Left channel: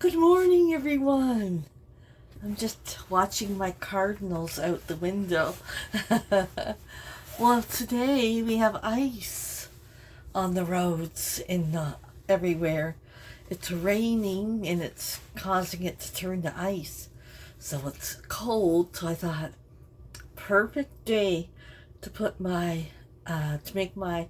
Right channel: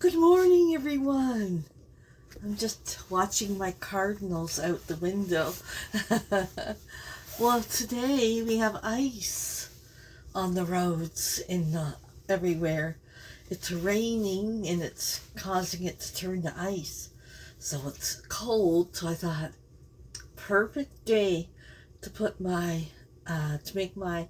Good morning, everyone. I'm just watching my cardinals out the window. Well, today we have ice on the roads everywhere. It's raining and it's causing it to turn to ice. So it's cold, so I thought, perfect day to put to make my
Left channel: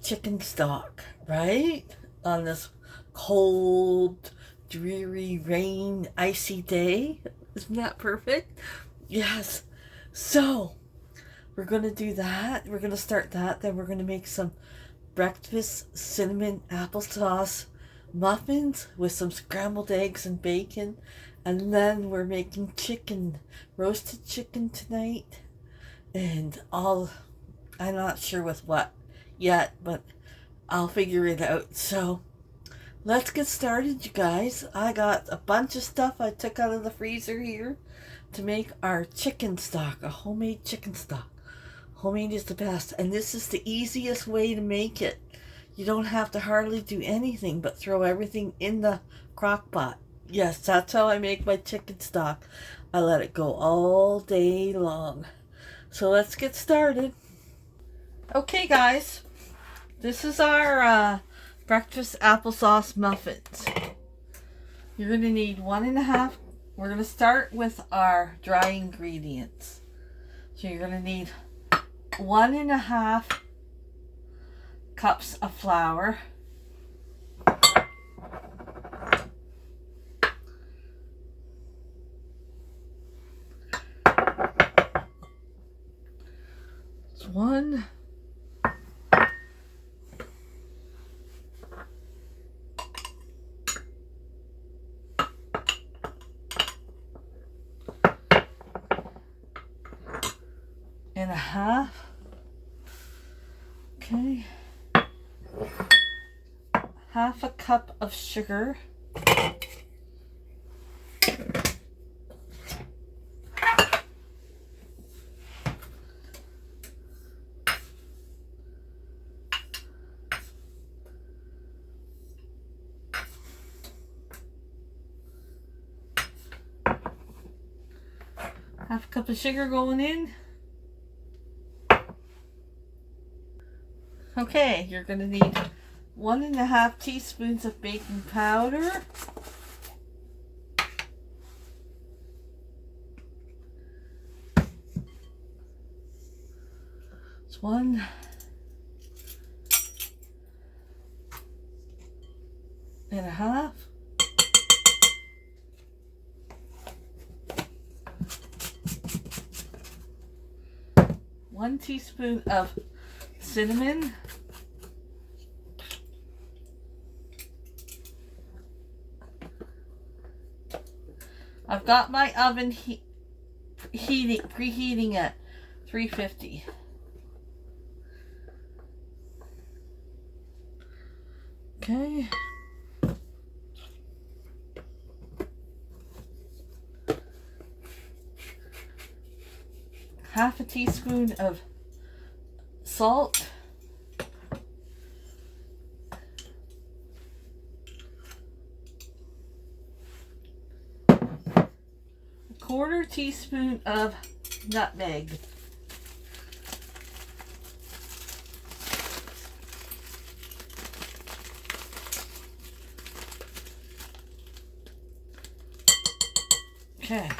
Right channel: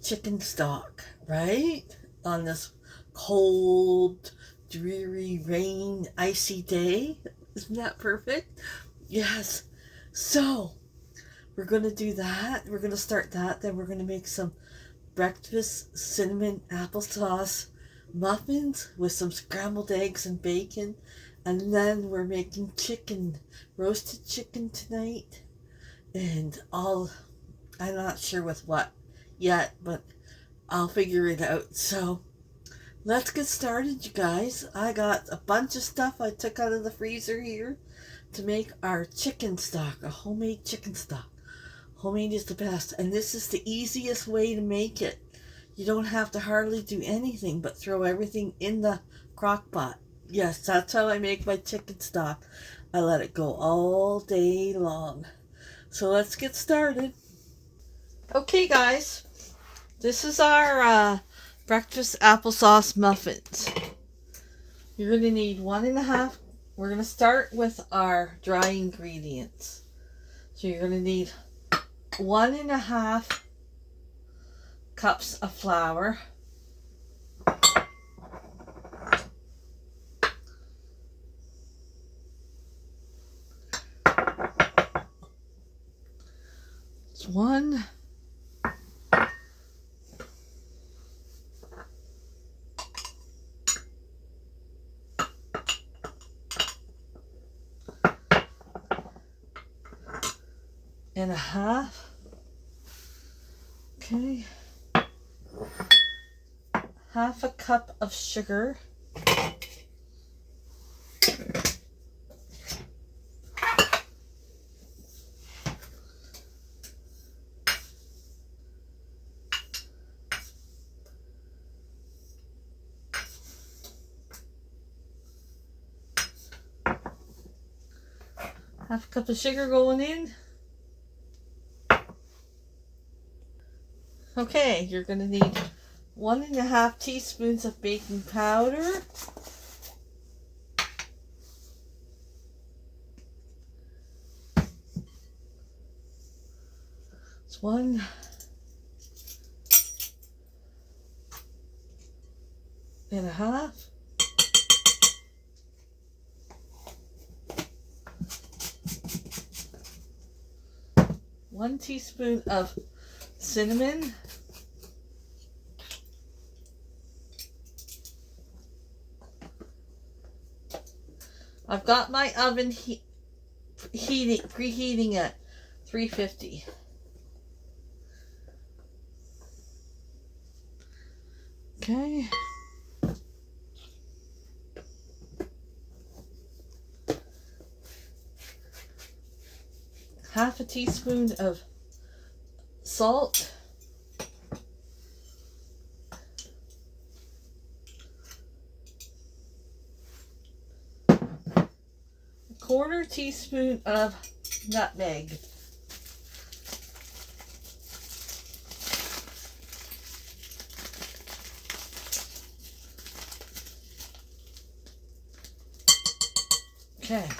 chicken stock, right? On this cold, dreary, rain, icy day. Isn't that perfect? Yes. So we're going to do that. We're going to start that. Then we're going to make some breakfast cinnamon applesauce muffins with some scrambled eggs and bacon. And then we're making roasted chicken tonight. And I'm not sure with what yet, but I'll figure it out. So let's get started, you guys. I got a bunch of stuff I took out of the freezer here to make our chicken stock, a homemade chicken stock. Homemade is the best, and this is the easiest way to make it. You don't have to hardly do anything but throw everything in the crock pot. Yes, that's how I make my chicken stock. I let it go all day long. So let's get started. Okay, guys, this is our breakfast applesauce muffins. You're going to need 1.5. We're going to start with our dry ingredients. So you're going to need 1.5 cups of flour. It's 1. And a half. Okay. 1/2 cup of sugar. Half a cup of sugar going in. Okay, you're going to need 1.5 teaspoons of baking powder. It's 1. 1.5. 1 teaspoon of cinnamon. I've got my oven preheating at 350. Okay. Half a teaspoon of salt. 1/4 teaspoon of nutmeg. Okay.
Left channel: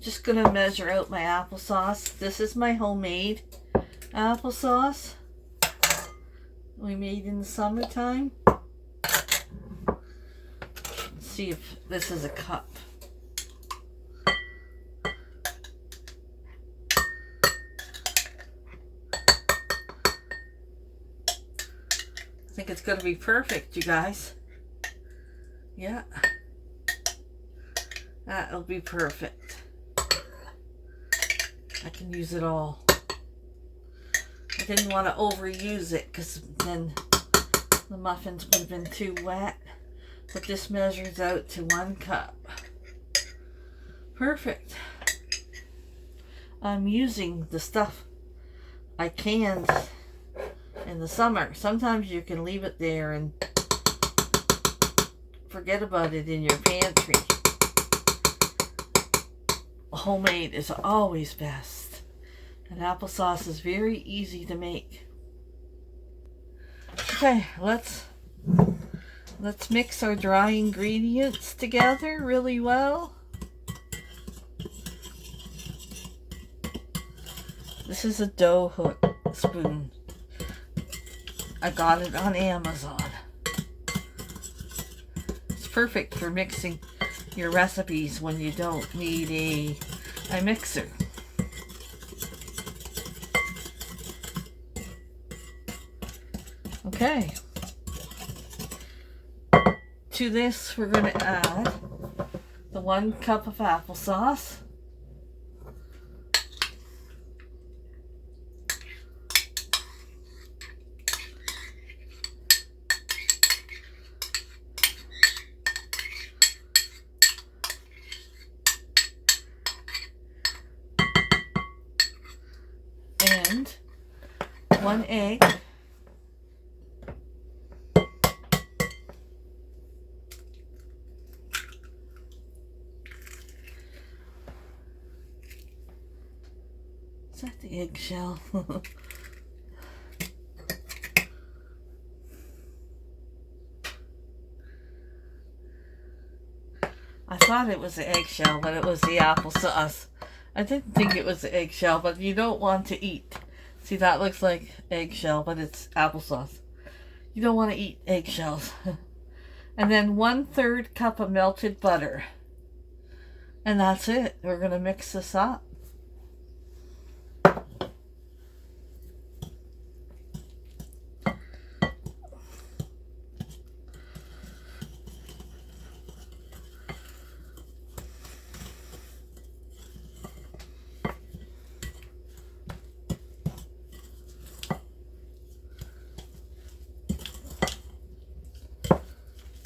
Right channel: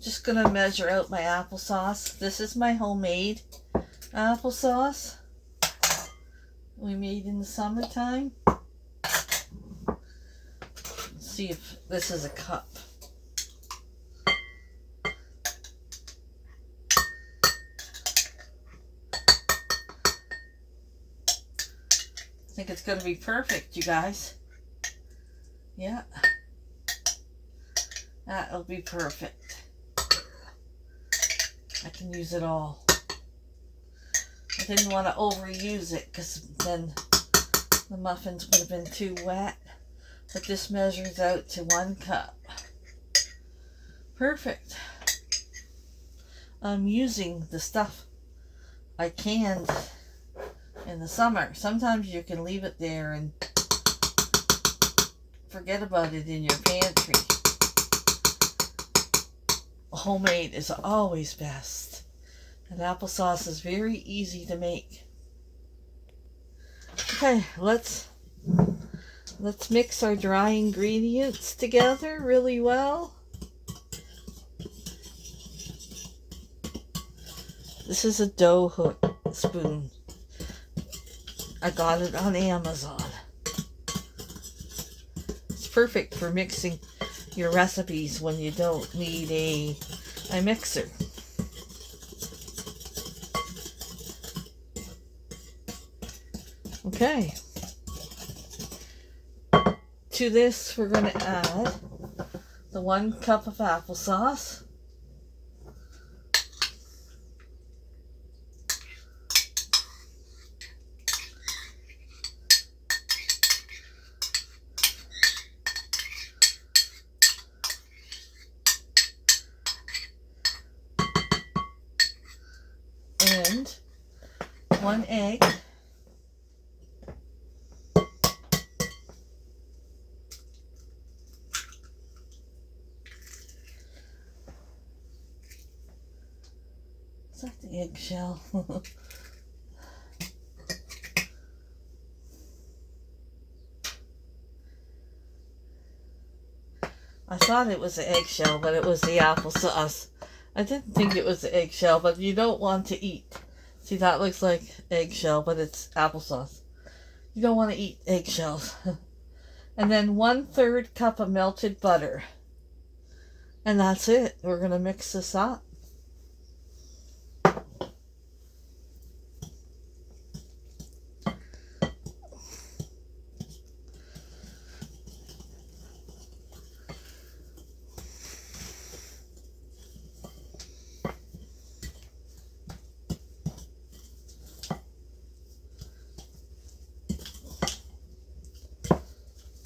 Just gonna measure out my applesauce. This is my homemade applesauce we made in the summertime. See if this is a cup. I think it's going to be perfect, you guys. Yeah. That'll be perfect. I can use it all. I didn't want to overuse it because then the muffins would have been too wet. But this measures out to 1 cup. Perfect. I'm using the stuff I canned in the summer. Sometimes you can leave it there and forget about it in your pantry. Homemade is always best. And applesauce is very easy to make. Okay, let's mix our dry ingredients together really well. This is a dough hook spoon. I got it on Amazon. It's perfect for mixing your recipes when you don't need a mixer. Okay. To this, we're going to add the 1 cup of applesauce. And 1 egg. Is that the eggshell? I thought it was the eggshell, but it was the applesauce. I didn't think it was the eggshell, but you don't want to eat. See, that looks like eggshell, but it's applesauce. You don't want to eat eggshells. And then 1/3 cup of melted butter. And that's it. We're going to mix this up.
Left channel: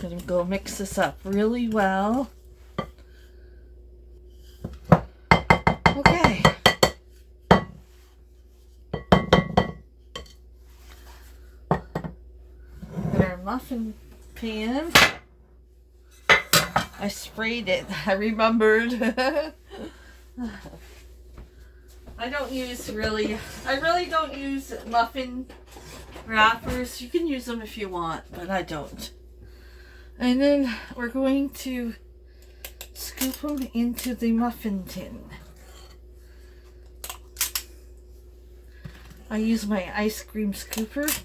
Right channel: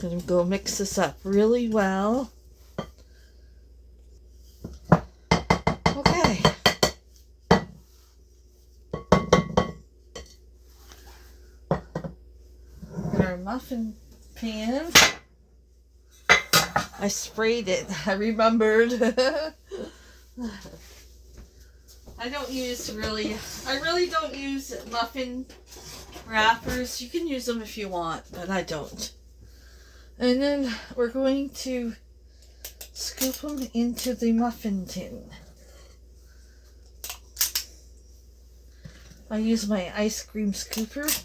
Gonna go mix this up really well. Okay. In our muffin pan, I sprayed it. I remembered. I really don't use muffin wrappers. You can use them if you want, but I don't. And then we're going to scoop them into the muffin tin. I use my ice cream scooper.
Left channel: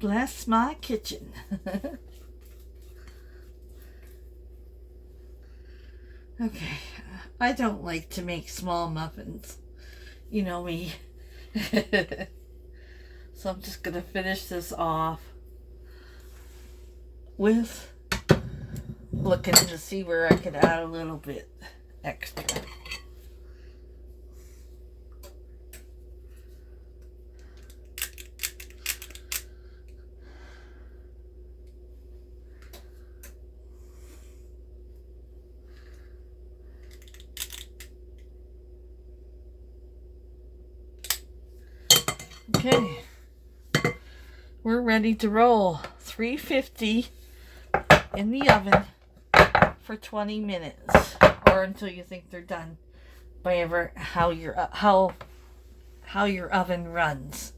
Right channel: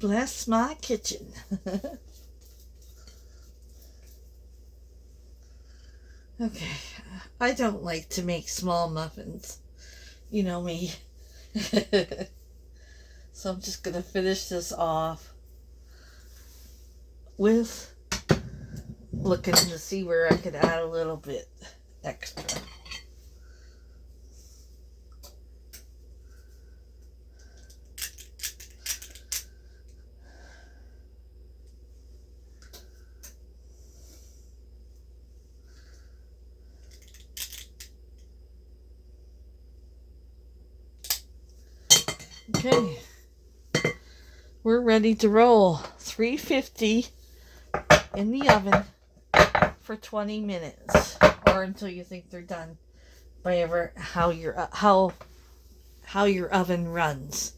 Bless my kitchen. Okay, I don't like to make small muffins. You know me. So I'm just going to finish this off with looking to see where I could add a little bit extra. Okay, we're ready to roll. 350 in the oven for 20 minutes, or until you think they're done, by how your oven runs.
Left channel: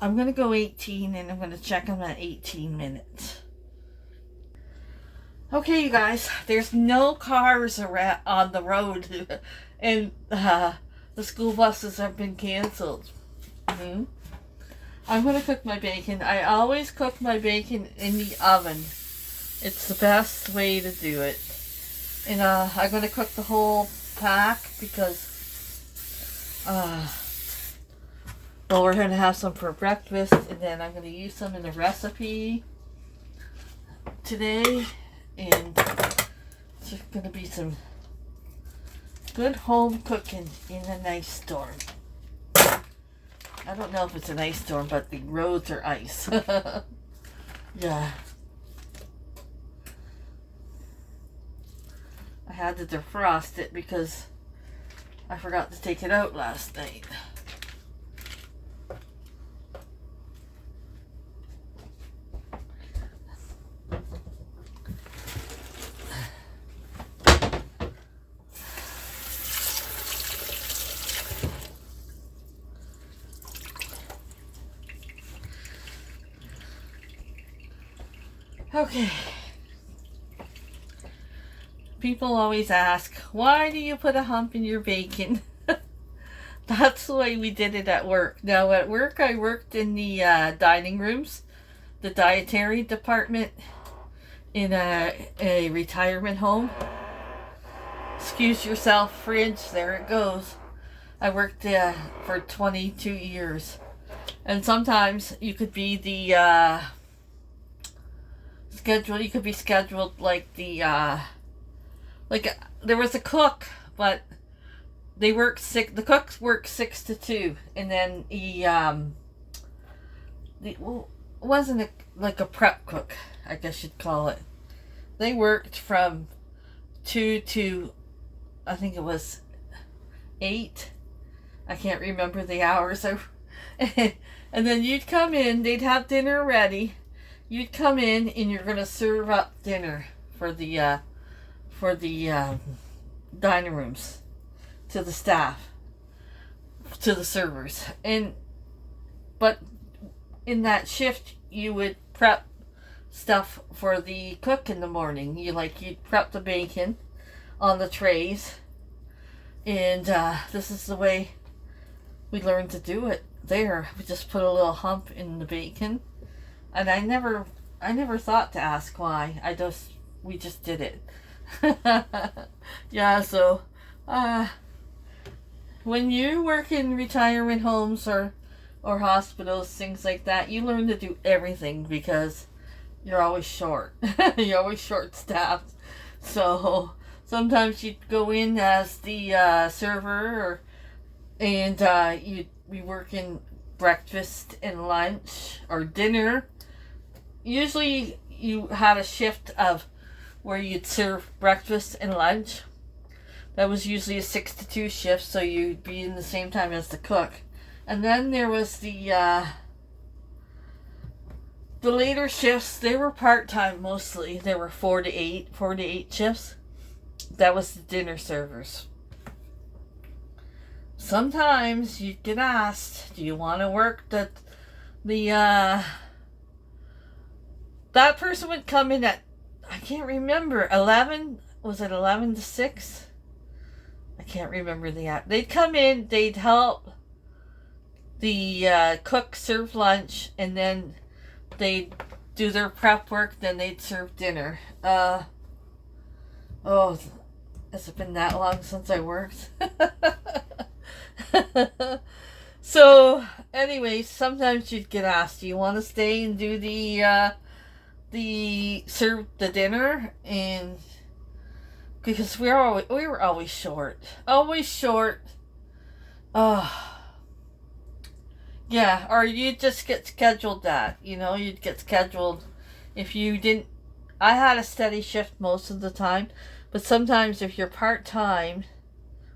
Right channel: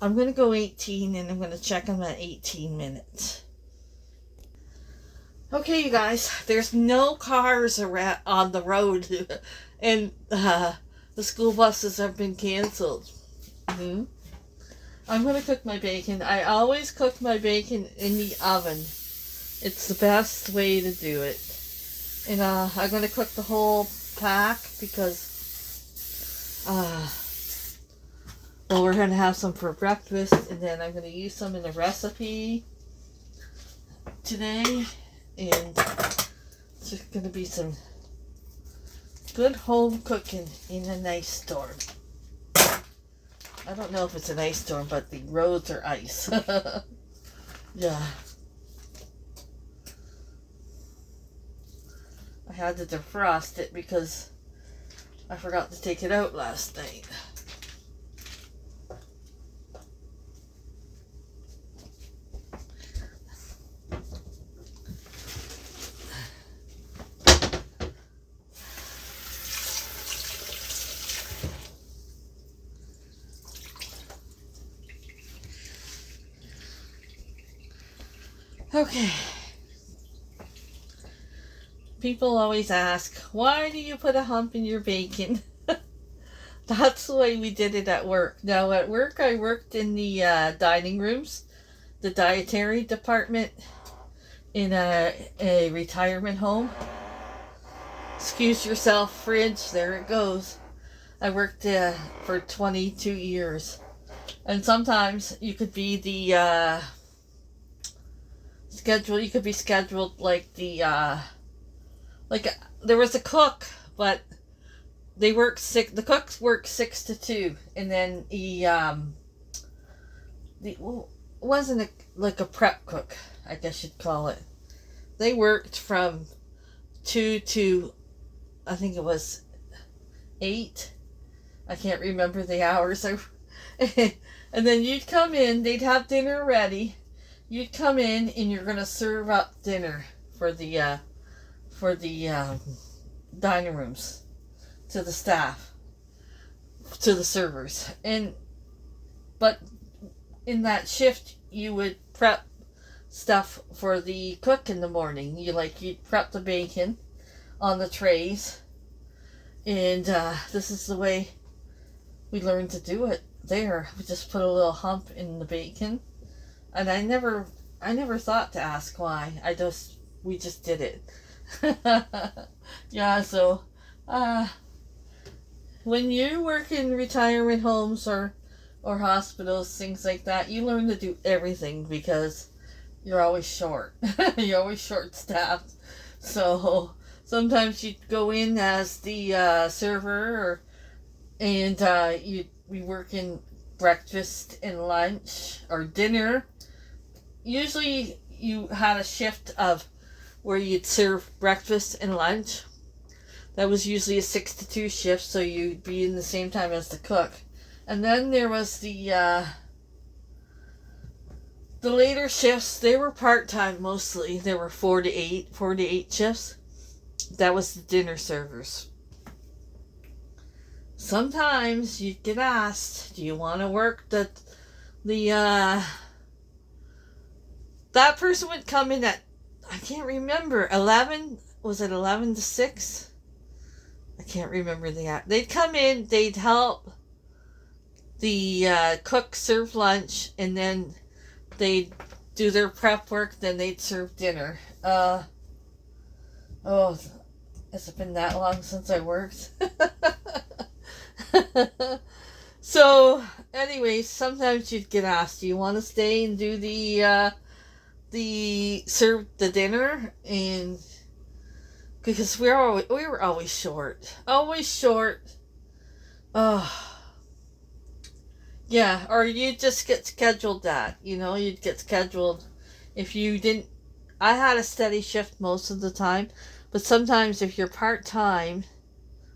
I'm gonna go 18, and I'm gonna check them at 18 minutes. Okay, you guys, there's no cars on the road, and the school buses have been canceled. I'm going to cook my bacon. I always cook my bacon in the oven. It's the best way to do it. And I'm going to cook the whole pack because well, we're going to have some for breakfast, and then I'm going to use some in a recipe today. And it's just going to be some good home cooking in a nice storm. I don't know if it's an ice storm, but the roads are ice. Yeah. I had to defrost it because I forgot to take it out last night. Okay. People always ask, why do you put a hump in your bacon? That's the way we did it at work. Now at work I worked in the dining rooms, the dietary department in a retirement home. Excuse yourself, fridge, there it goes. I worked for 22 years. And sometimes you could be the you could be scheduled like there was a cook, but they work the cooks work 6 to 2, and then wasn't like a prep cook, I guess you'd call it. They worked from 2 to, I think it was 8. I can't remember the hours. And then you'd come in, they'd have dinner ready. You'd come in and you're going to serve up dinner for the dining rooms to the staff, to the servers. But in that shift you would prep stuff for the cook in the morning. You'd prep the bacon on the trays, and this is the way we learned to do it there. We just put a little hump in the bacon. And I never thought to ask why. We just did it. Yeah, so when you work in retirement homes or hospitals, things like that, you learn to do everything because you're always short. You're always short staffed. So sometimes you'd go in as the server, and you'd be working breakfast and lunch or dinner. Usually you had a shift of where you'd serve breakfast and lunch. That was usually a 6 to 2 shift, so you'd be in the same time as the cook. And then there was the later shifts. They were part-time mostly. They were 4 to 8 shifts. That was the dinner servers. Sometimes you'd get asked, do you want to work that person would come in at, I can't remember, 11? Was it 11 to 6? I can't remember the hour. They'd come in, they'd help the cook serve lunch, and then they'd do their prep work, then they'd serve dinner. Has it been that long since I worked? So, anyways, sometimes you'd get asked, do you want to stay and do serve the dinner? And because we were always short. Yeah, or you'd just get scheduled that, you'd get scheduled if you didn't. I had a steady shift most of the time, but sometimes if you're part-time,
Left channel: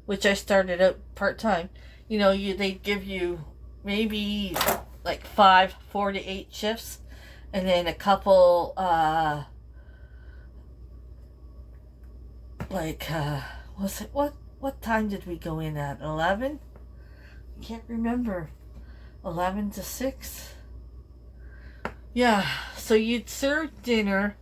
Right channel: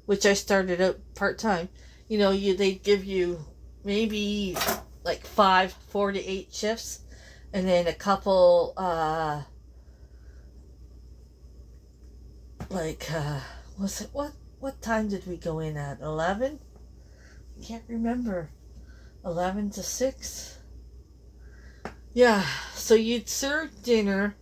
which I started out part-time, they'd give you maybe like 4 to 8 shifts, and then a couple, what time did we go in at? 11? I can't remember. 11 to 6? Yeah, so you'd serve dinner,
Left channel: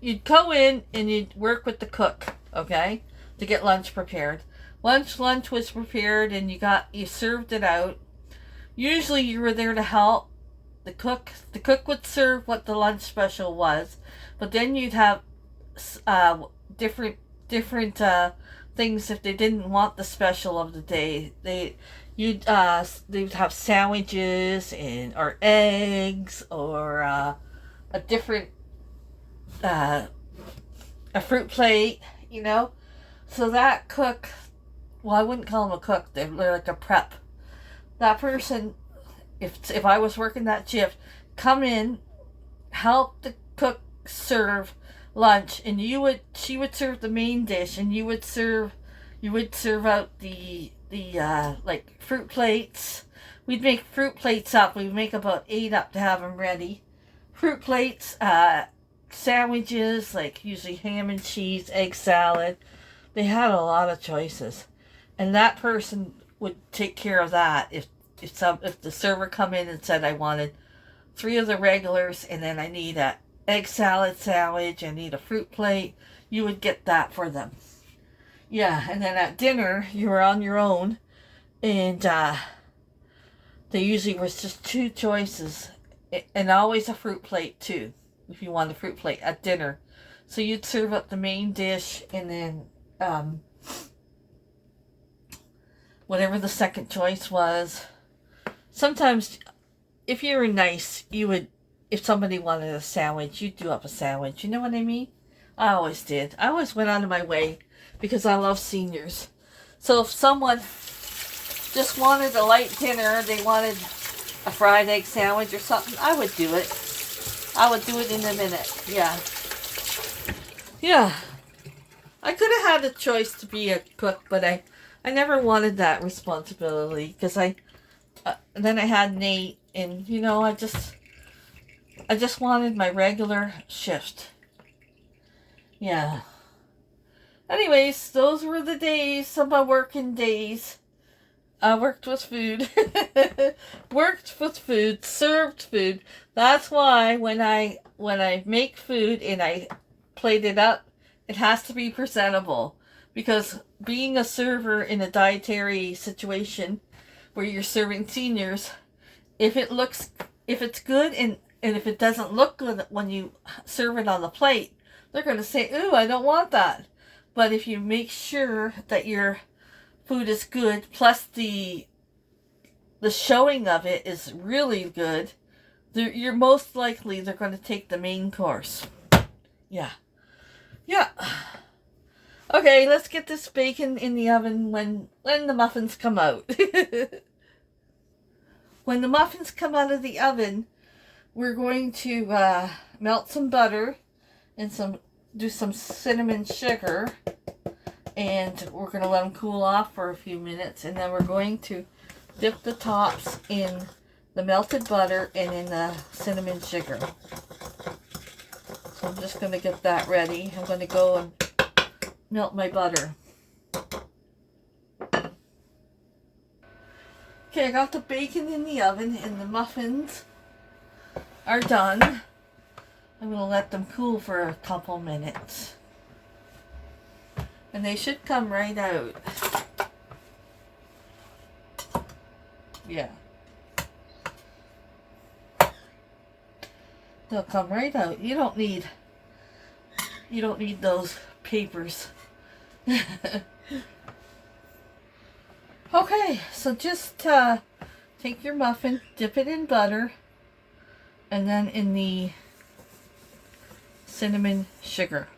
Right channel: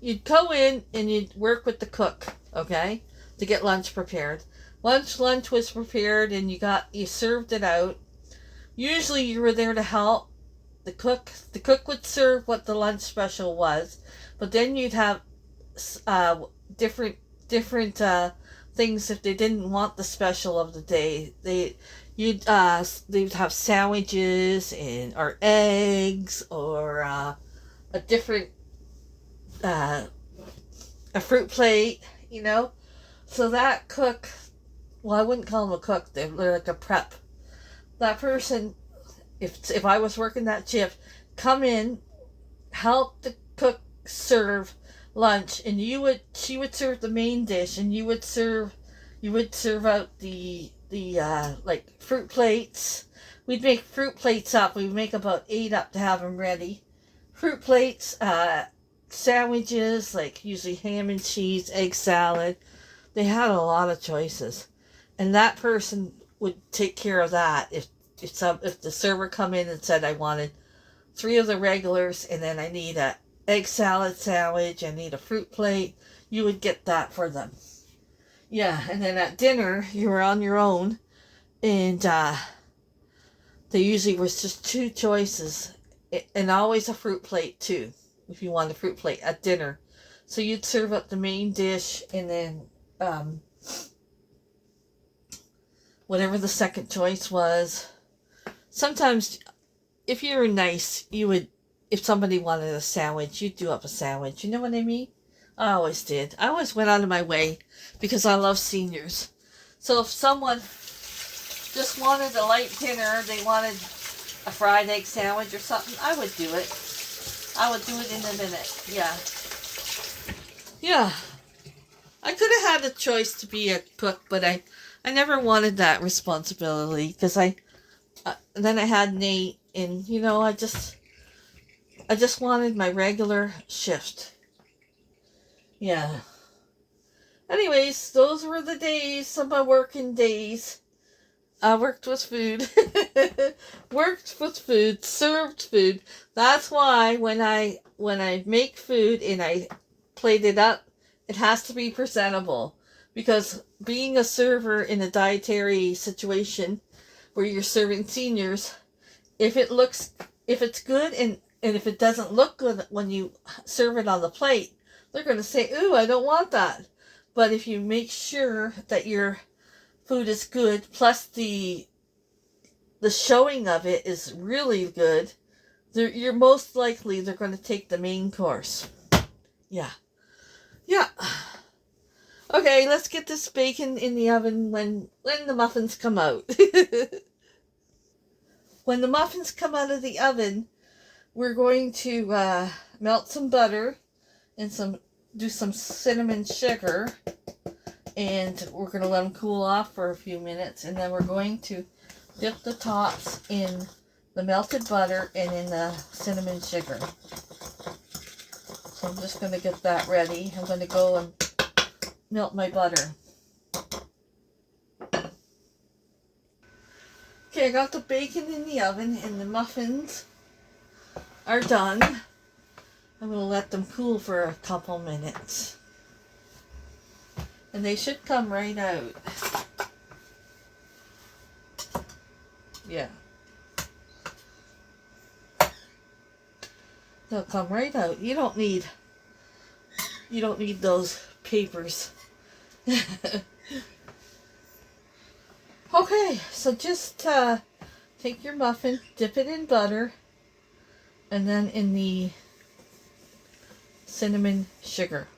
you'd go in and you'd work with the cook, okay, to get lunch prepared. Lunch was prepared, and you served it out. Usually you were there to help the cook. The cook would serve what the lunch special was, but then you'd have uh, different things if they didn't want the special of the day. They'd have sandwiches and or eggs or a different uh, a fruit plate, you know. So that cook, well, I wouldn't call them a cook. They're like a prep. That person, if I was working that shift, come in, help the cook serve lunch, and she would serve the main dish, and you would serve out the like fruit plates. We'd make fruit plates up. We'd make about 8 up to have them ready. Fruit plates, sandwiches, like usually ham and cheese, egg salad. They had a lot of choices, and that person would take care of that. If the server come in and said I wanted 3 of the regulars, and then I need a egg salad sandwich, I need a fruit plate, you would get that for them. Yeah, and then at dinner you were on your own, and there usually was just 2 choices, and always a fruit plate too, if you want a fruit plate at dinner. So you'd serve up the main dish, and then whatever the second choice was. Sometimes, if you were nice, you would, if somebody wanted a sandwich, you'd do up a sandwich. You know what I mean? I always did. I always went out of my way because I love seniors. So if someone just wanted a light dinner, they wanted a fried egg sandwich or something, I would do it. I would do it in a minute. Yeah. Yeah. I could have had a choice to be a cook, but I never wanted that responsibility because then I had Nate, and you know, I just wanted my regular shift. Yeah. Anyways, those were the days of my working days. I worked with food. Worked with food, served food. That's why when I make food and I plate it up, it has to be presentable. Because being a server in a dietary situation where you're serving seniors, if it's good and if it doesn't look good when you serve it on the plate, they're going to say, ooh, I don't want that. But if you make sure that your food is good, plus the showing of it is really good, you're most likely they're going to take the main course. Yeah. Yeah. Okay, let's get this bacon in the oven when the muffins come out. When the muffins come out of the oven, we're going to melt some butter and do some cinnamon sugar, and we're going to let them cool off for a few minutes, and then we're going to dip the tops in the melted butter and in the cinnamon sugar. So I'm just going to get that ready. I'm going to go and melt my butter. Okay, I got the bacon in the oven and the muffins are done. I'm going to let them cool for a couple minutes. And they should come right out. Yeah. They'll come right out. You don't need those papers. Okay, so just take your muffin, dip it in butter, and then in the cinnamon sugar.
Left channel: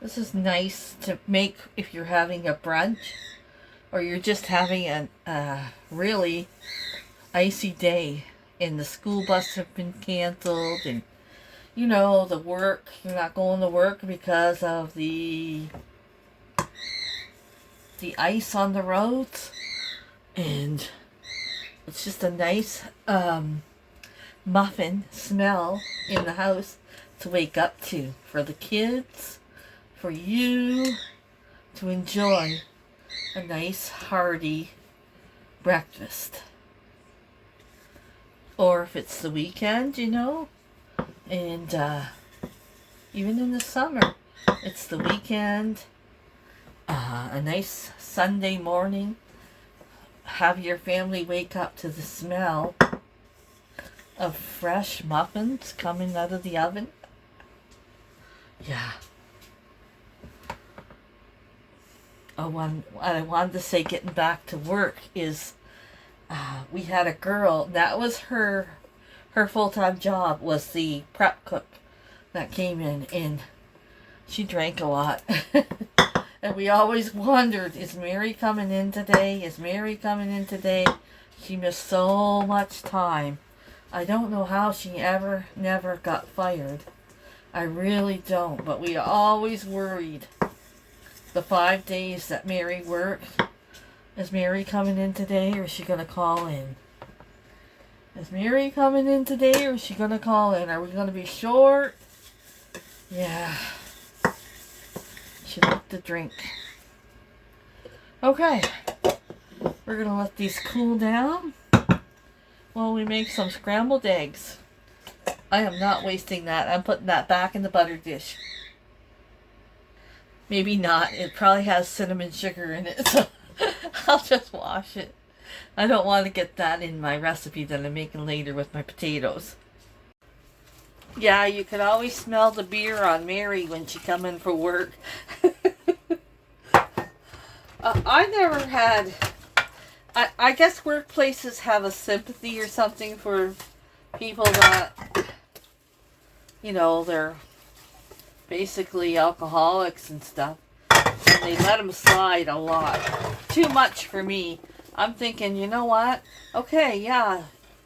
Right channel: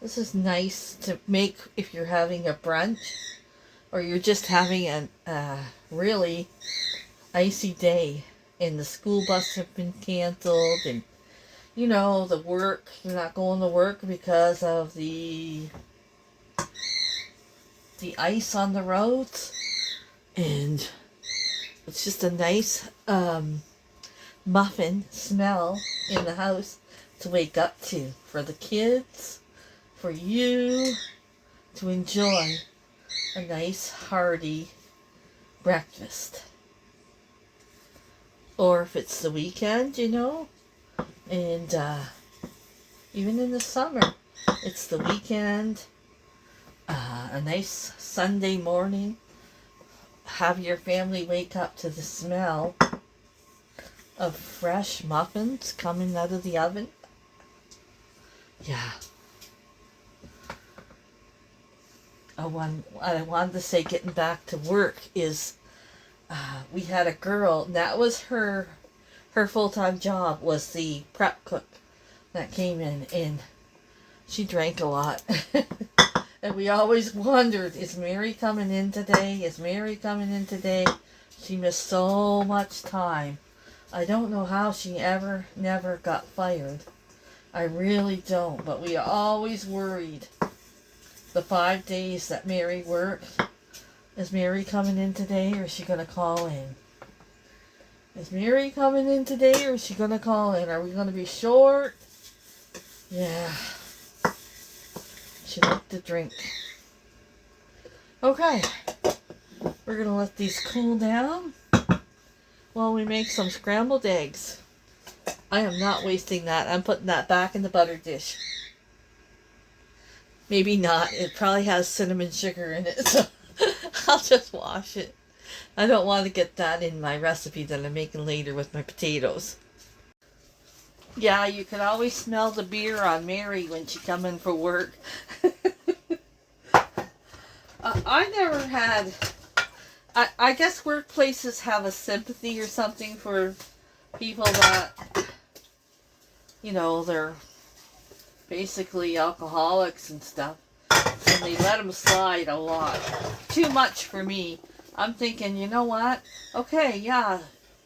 This is nice to make if you're having a brunch or you're just having a really icy day and the school buses have been canceled, and you know, the work, you're not going to work because of the ice on the roads, and it's just a nice muffin smell in the house to wake up to for the kids, for you to enjoy a nice hearty breakfast. Or if it's the weekend, you know, and even in the summer, it's the weekend. a nice Sunday morning. Have your family wake up to the smell of fresh muffins coming out of the oven. Yeah. What I wanted to say, getting back to work, is we had a girl, that was her full-time job, was the prep cook that came in, and she drank a lot. And we always wondered, is Mary coming in today? Is Mary coming in today? She missed so much time. I don't know how she never got fired. I really don't, but we always worried. The 5 days that Mary worked, is Mary coming in today, or is she going to call in? Is Mary coming in today, or is she going to call in? Are we going to be short? Yeah. She liked to drink. Okay. We're going to let these cool down while we make some scrambled eggs. I am not wasting that. I'm putting that back in the butter dish. Maybe not. It probably has cinnamon sugar in it, so I'll just wash it. I don't want to get that in my recipe that I'm making later with my potatoes. Yeah, you could always smell the beer on Mary when she come in for work. I never had... I guess workplaces have a sympathy or something for people that, you know, they're basically alcoholics and stuff, and they let them slide a lot. Too much for me. I'm thinking, you know what? Okay, yeah,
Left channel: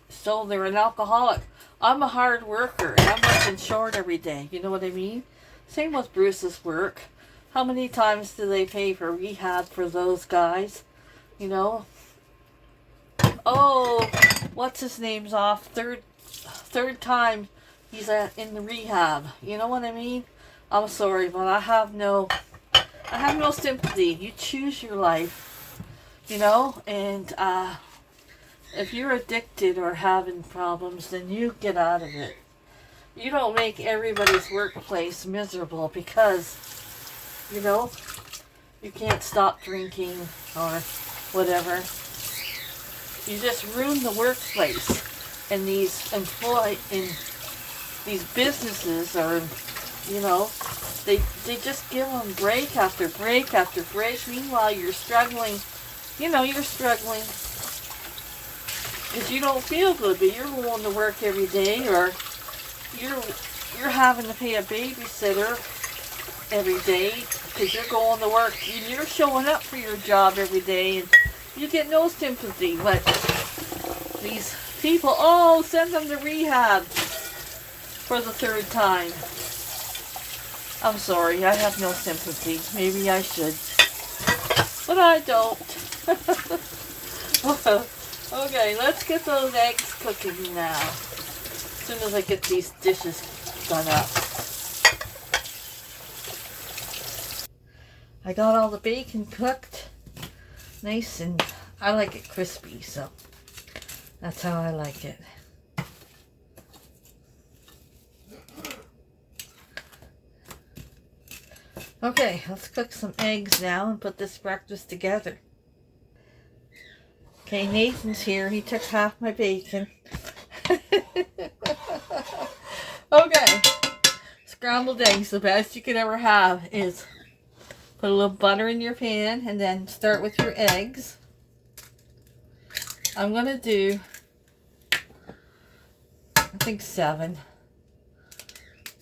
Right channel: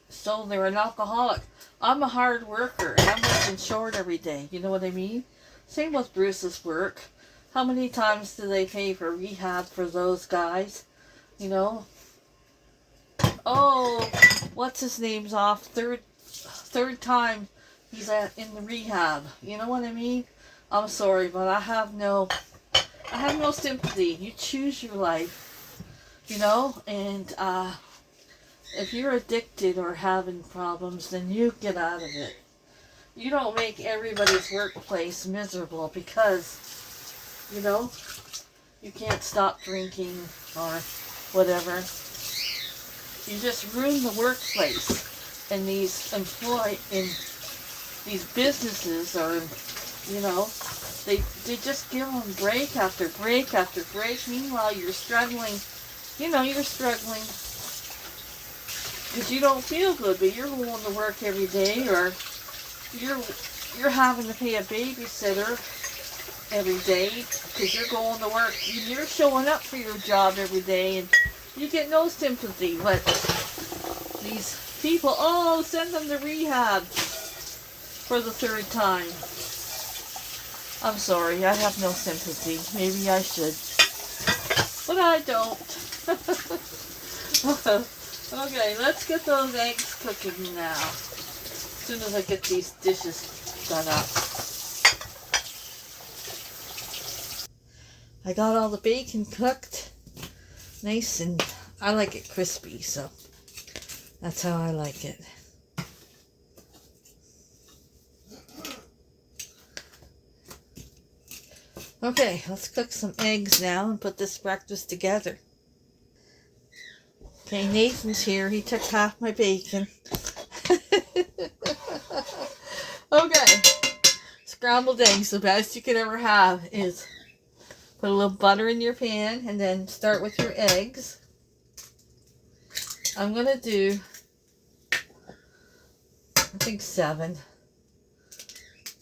so they're an alcoholic. I'm a hard worker, and I'm working short every day. You know what I mean? Same with Bruce's work. How many times do they pay for rehab for those guys? You know? Oh, what's his name's off? Third time he's in the rehab. You know what I mean? I'm sorry, but I have no sympathy. You choose your life, you know, and if you're addicted or having problems, then you get out of it. You don't make everybody's workplace miserable because, you know, you can't stop drinking or whatever. You just ruin the workplace, and these businesses are, you know, they just give them break after break after break. Meanwhile, you're struggling. You know, you're struggling because you don't feel good, but you're going to work every day, or you're having to pay a babysitter every day because you're going to work. You're showing up for your job every day, and you get no sympathy. But these people, oh, send them to rehab for the 3rd time. I'm sorry, I have no sympathy. Maybe I should, but I don't. Okay, let's get those eggs cooking now. As soon as I get these dishes done up. I got all the bacon cooked. Nice, and I like it crispy, so that's how I like it. Okay, let's cook some eggs now and put this breakfast together. Okay, Nathan's here. He took half my bacon. Okay, scrambled eggs, the best you could ever have is put a little butter in your pan and then start with your eggs. I'm going to do, I think 7.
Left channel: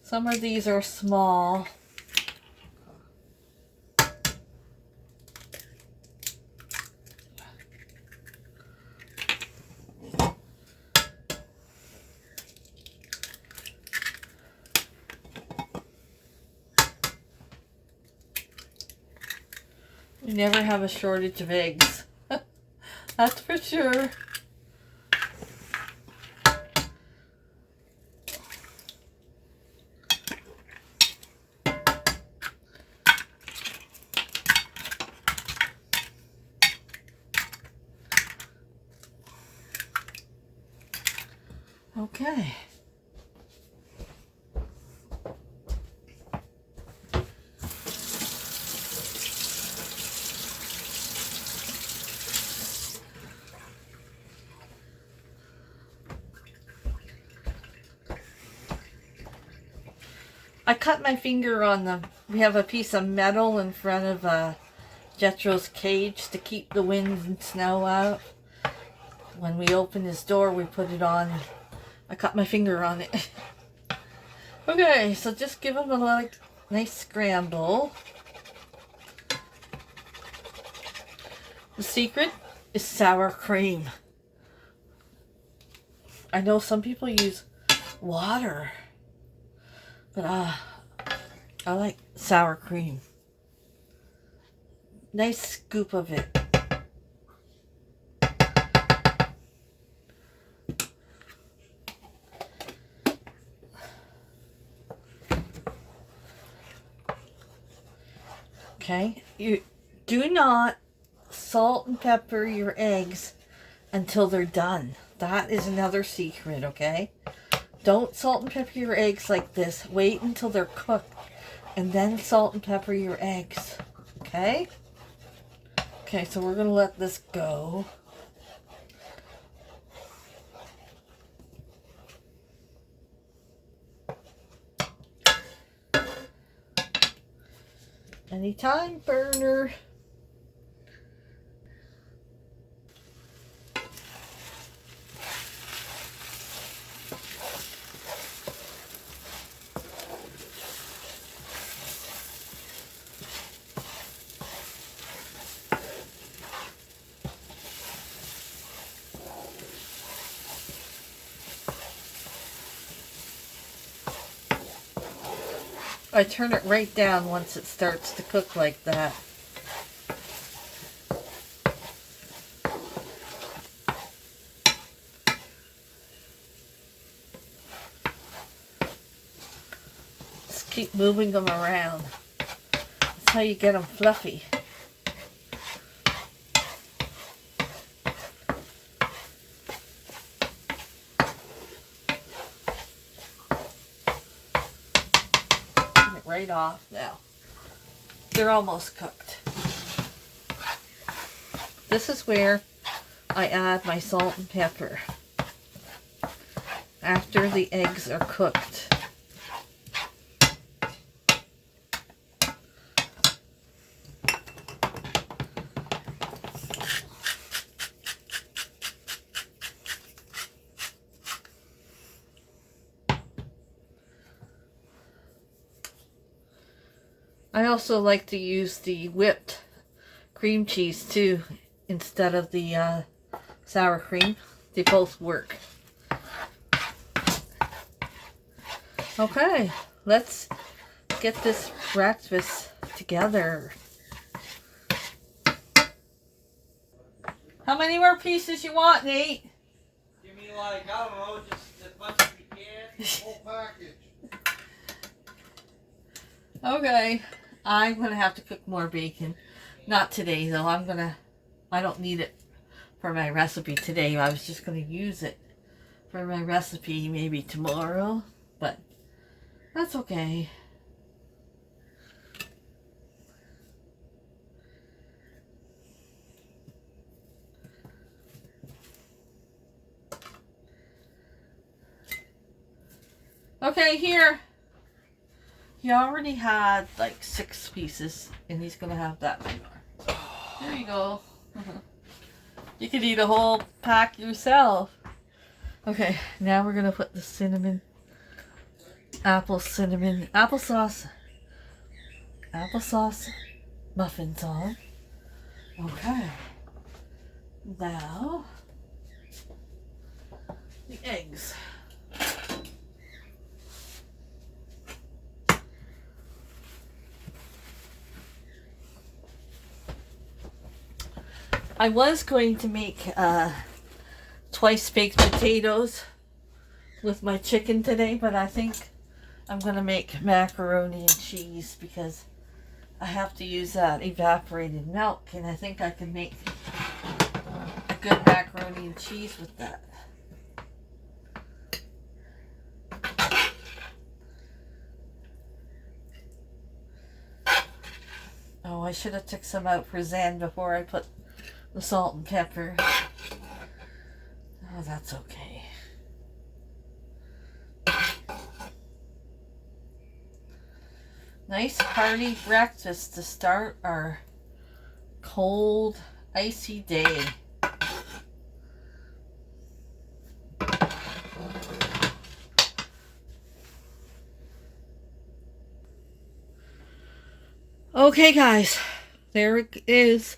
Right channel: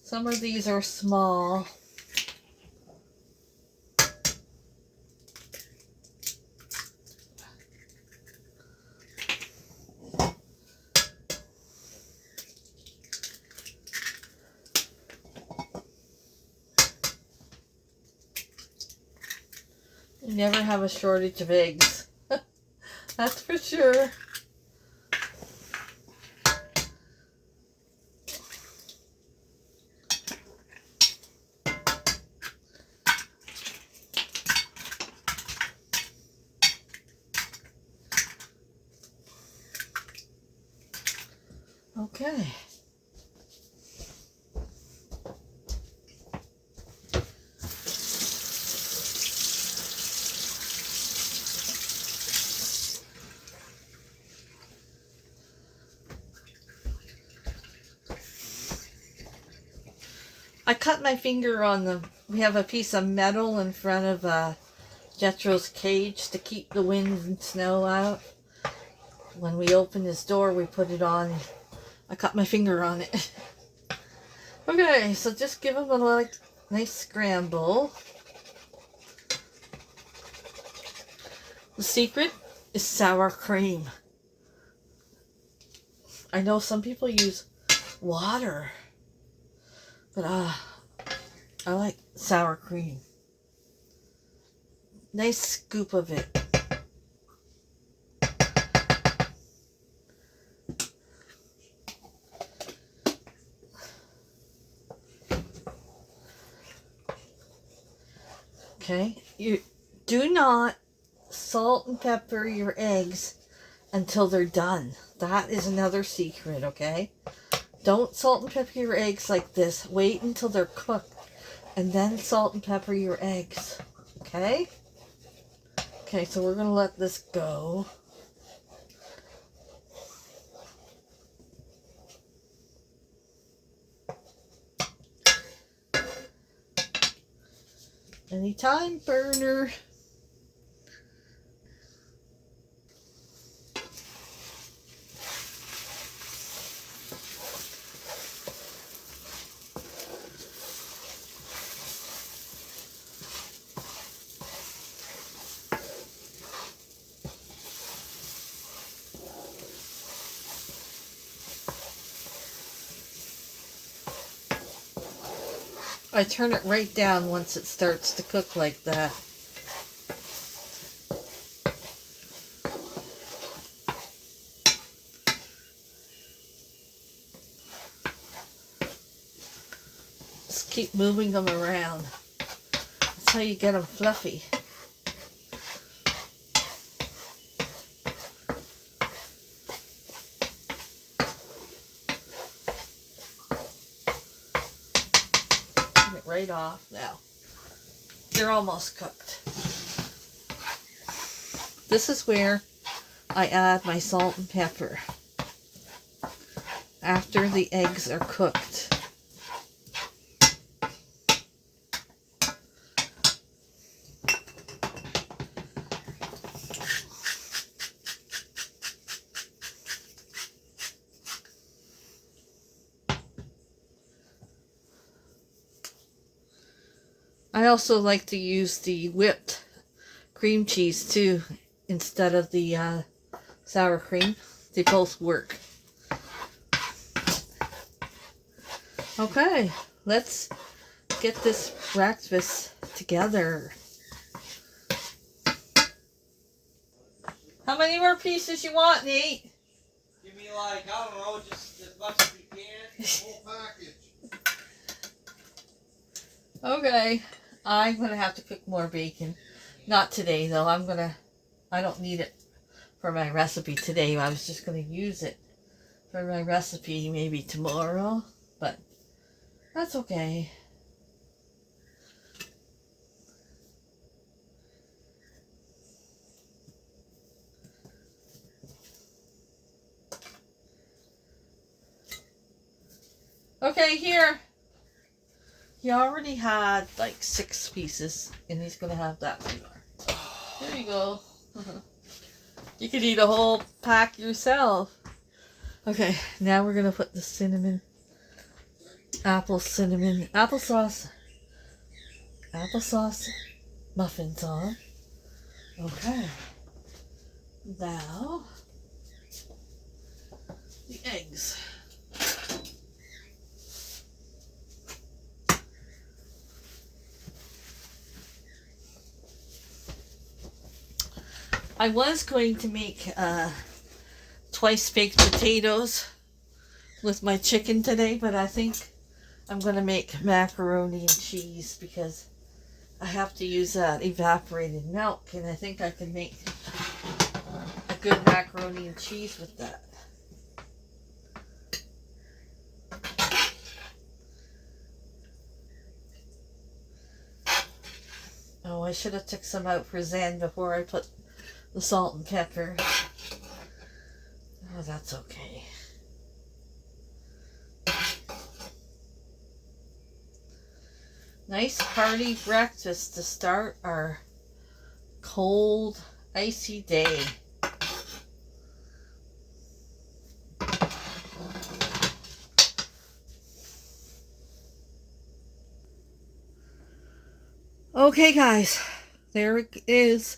Some of these are small. We never have a shortage of eggs. That's for sure. Okay. cut my finger on the, we have a piece of metal in front of Jethro's cage to keep the wind and snow out. When we open his door, we put it on. I cut my finger on it. Okay, so just give him a little nice scramble. The secret is sour cream. I know some people use water, but I like sour cream. Nice scoop of it. Okay, you do not salt and pepper your eggs until they're done. That is another secret, okay? Don't salt and pepper your eggs like this. Wait until they're cooked and then salt and pepper your eggs, okay? Okay, so we're going to let this go. Anytime, burner. I turn it right down once it starts to cook like that. Just keep moving them around. That's how you get them fluffy. Right off now. They're almost cooked. This is where I add my salt and pepper after the eggs are cooked. I also like to use the whipped cream cheese too instead of the sour cream. They both work. Okay, let's get this breakfast together. How many more pieces you want, Nate? Give me like, I don't know, just as much as you can. Whole package. Okay. I'm going to have to cook more bacon. Not today, though. I don't need it for my recipe today. I was just going to use it for my recipe maybe tomorrow. But that's okay. Okay, here. He already had like 6 pieces, and he's gonna have that many more. There you go. You could eat a whole pack yourself. Okay, now we're gonna put the cinnamon, applesauce muffins on. Okay. Now, the eggs. I was going to make twice baked potatoes with my chicken today, but I think I'm going to make macaroni and cheese because I have to use that evaporated milk, and I think I can make a good macaroni and cheese with that. Oh, I should have took some out for Zen before I put the salt and pepper. Oh, that's okay. Nice hearty breakfast to start our cold, icy day. Okay, guys, there it is.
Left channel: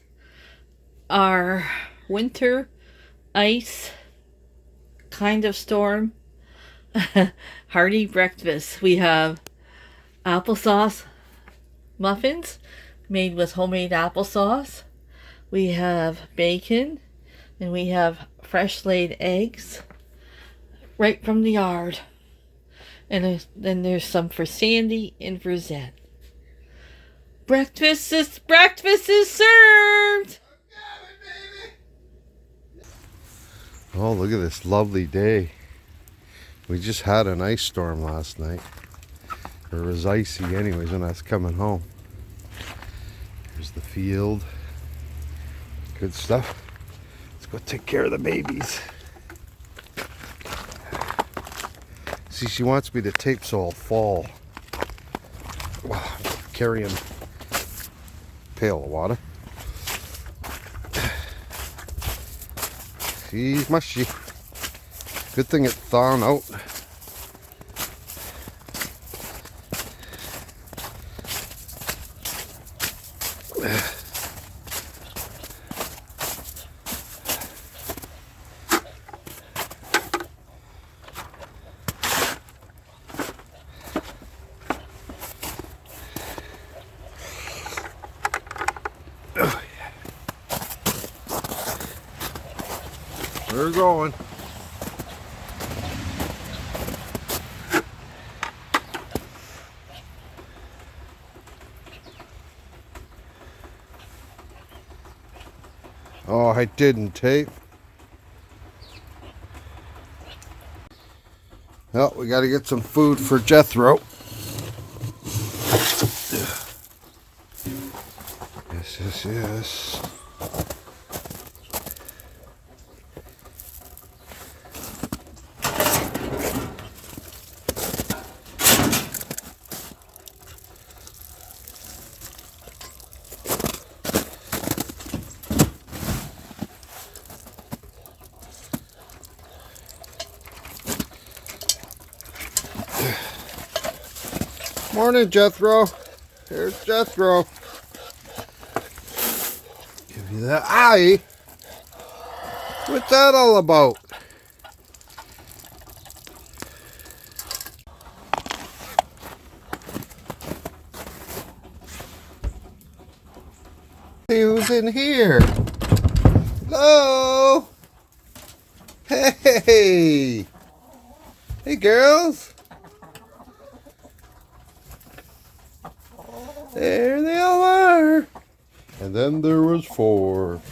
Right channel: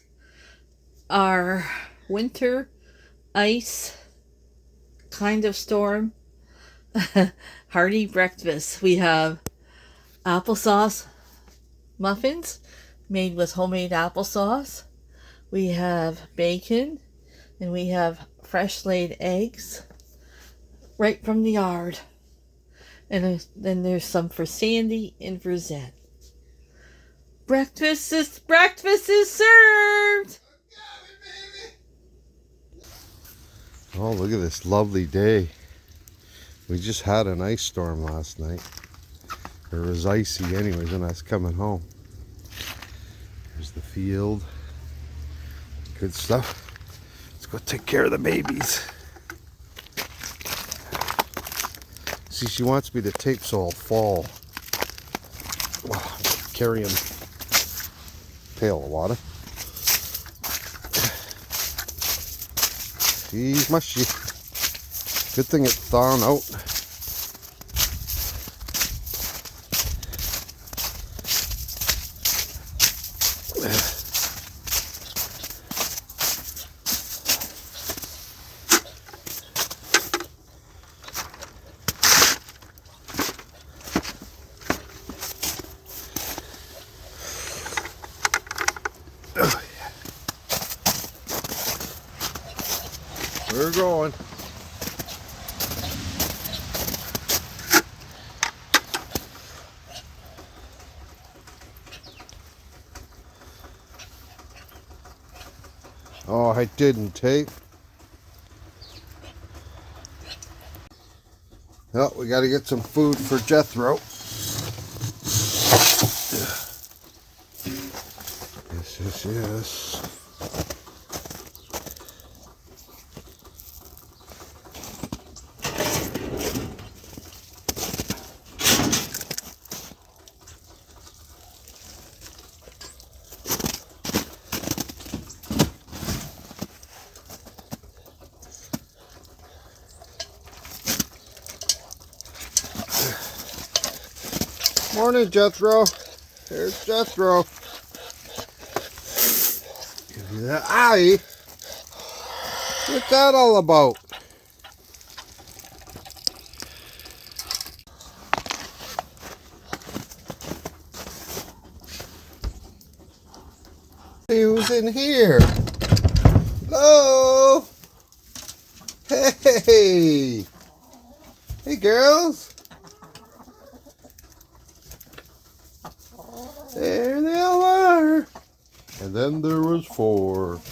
Our winter ice kind of storm hearty breakfast. We have applesauce muffins made with homemade applesauce. We have bacon, and we have fresh laid eggs right from the yard. And then there's some for Sandy and for Zen. Breakfast is served. Oh, look at this lovely day. We just had an ice storm last night. It was icy anyways when I was coming home. Here's the field. Good stuff. Let's go take care of the babies. See, she wants me to tape so I'll fall. Wow, carrying a pail of water. She's mushy. Good thing it's thawing out. We're going. Oh, I didn't tape. Well, we got to get some food for Jethro. Yes. Morning, Jethro. There's Jethro. Give you that eye. What's that all about? See who's in here. Hello. Hey. Hey, girls. There they all are. And then there was 4.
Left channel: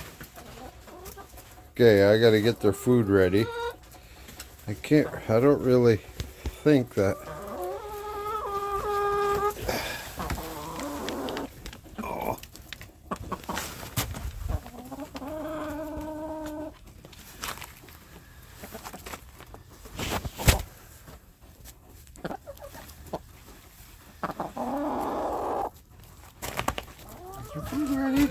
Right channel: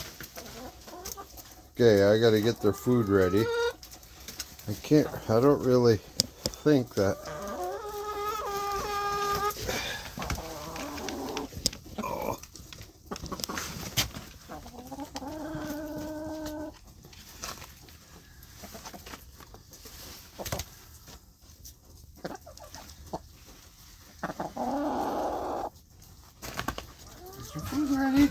Okay, I gotta get their food ready. I don't really think that. Oh. Is your food ready?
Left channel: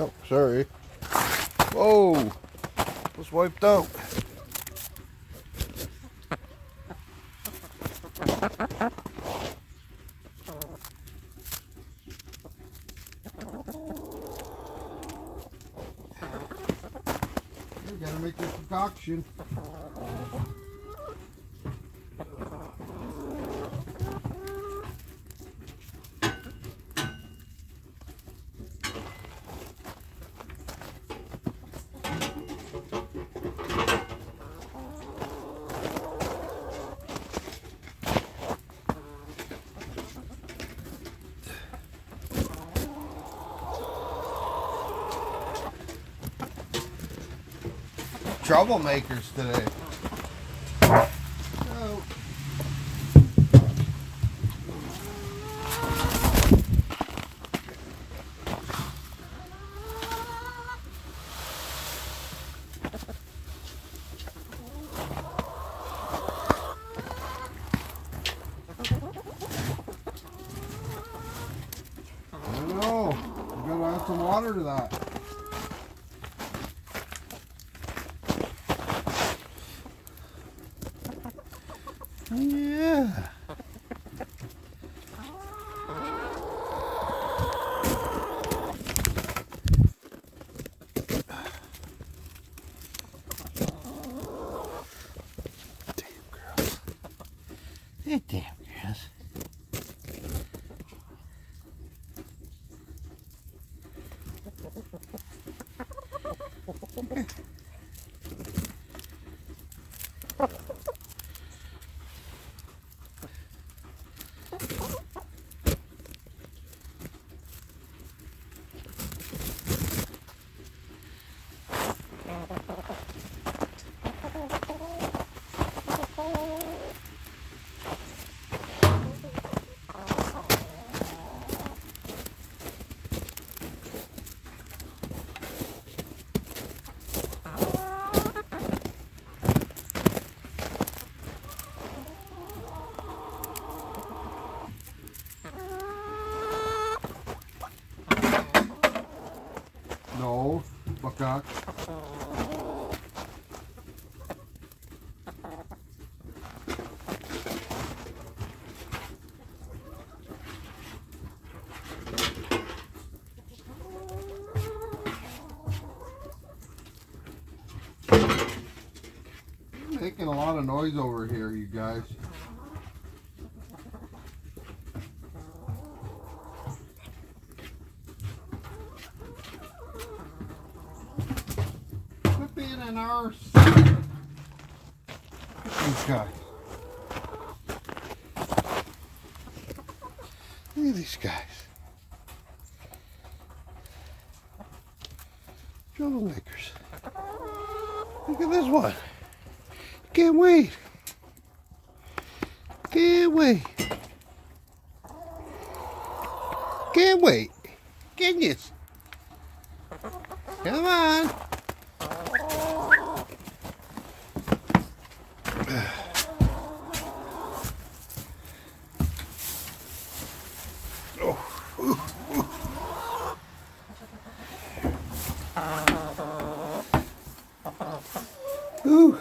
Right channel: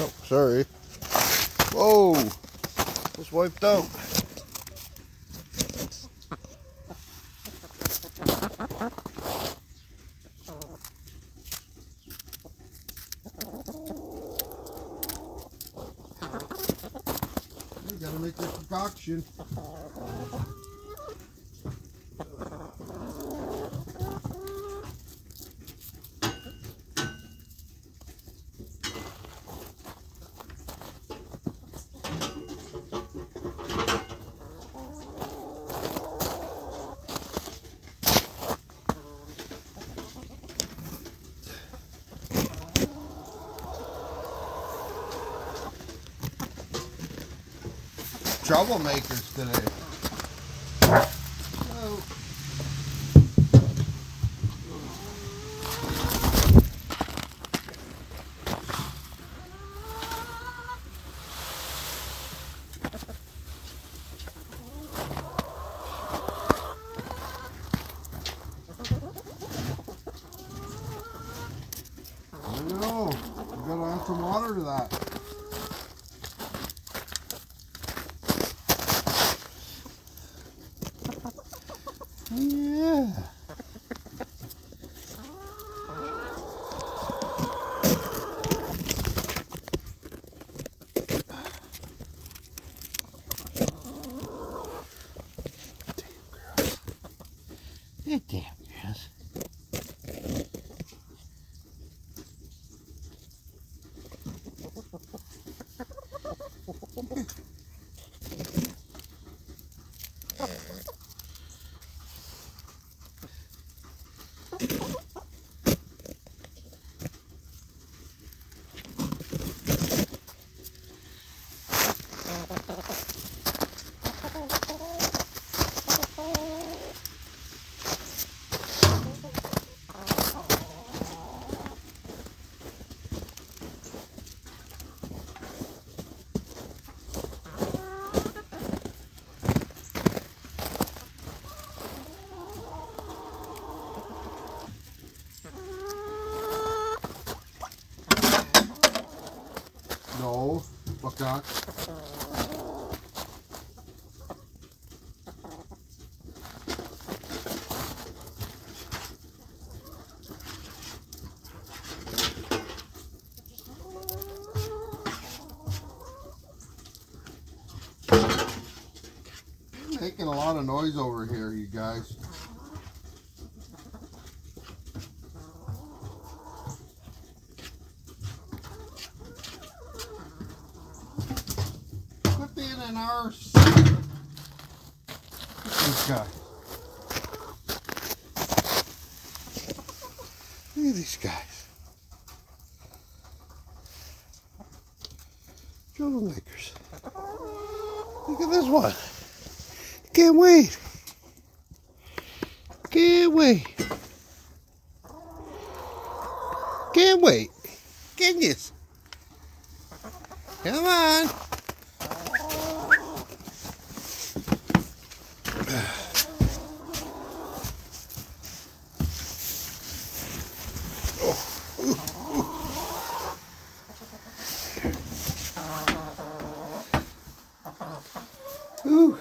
Oh, sorry. Whoa! Was wiped out. You gotta make this concoction. troublemakers today. Oh. I know. You gotta add some water to that. Yeah. Damn girls. No, fuck not. Making a lot of noise over here, you guys. Quit being an arse. These guys. Look at these guys. Troublemakers. Look at this one. Can't wait. Can't wait. Can't wait. Goodness. Come on. Ooh.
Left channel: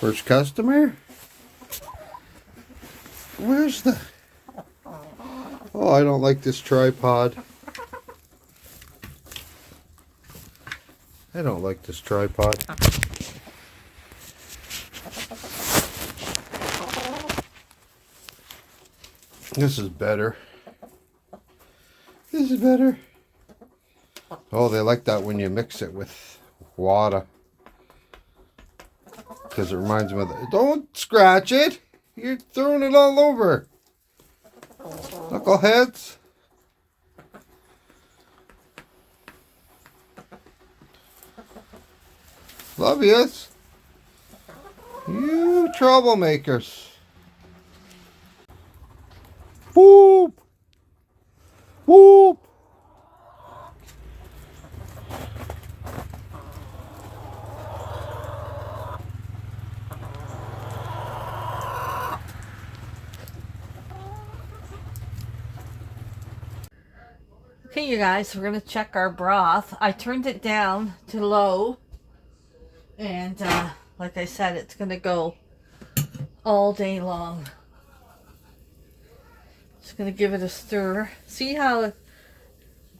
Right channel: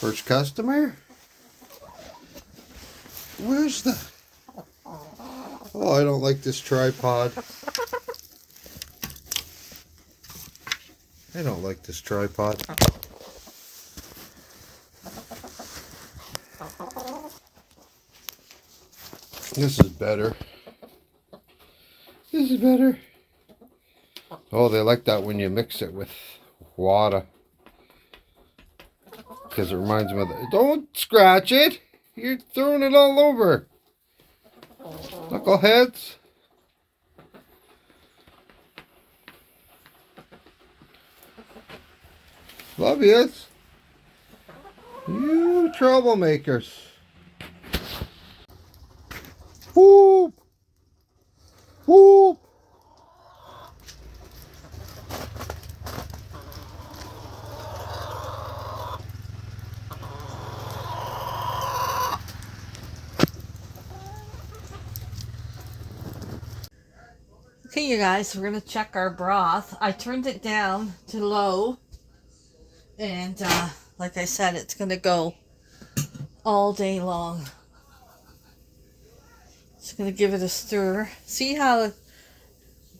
First customer? Where's the... Oh, I don't like this tripod. I don't like this tripod. This is better. This is better. Oh, they like that when you mix it with water. Because it reminds me of the... Don't scratch it! You're throwing it all over. Knuckleheads. Love yous. You troublemakers. Whoop! Whoop! Okay, you guys, we're going to check our broth. I turned it down to low. And like I said, it's going to go all day long. Just going to give it a stir. See how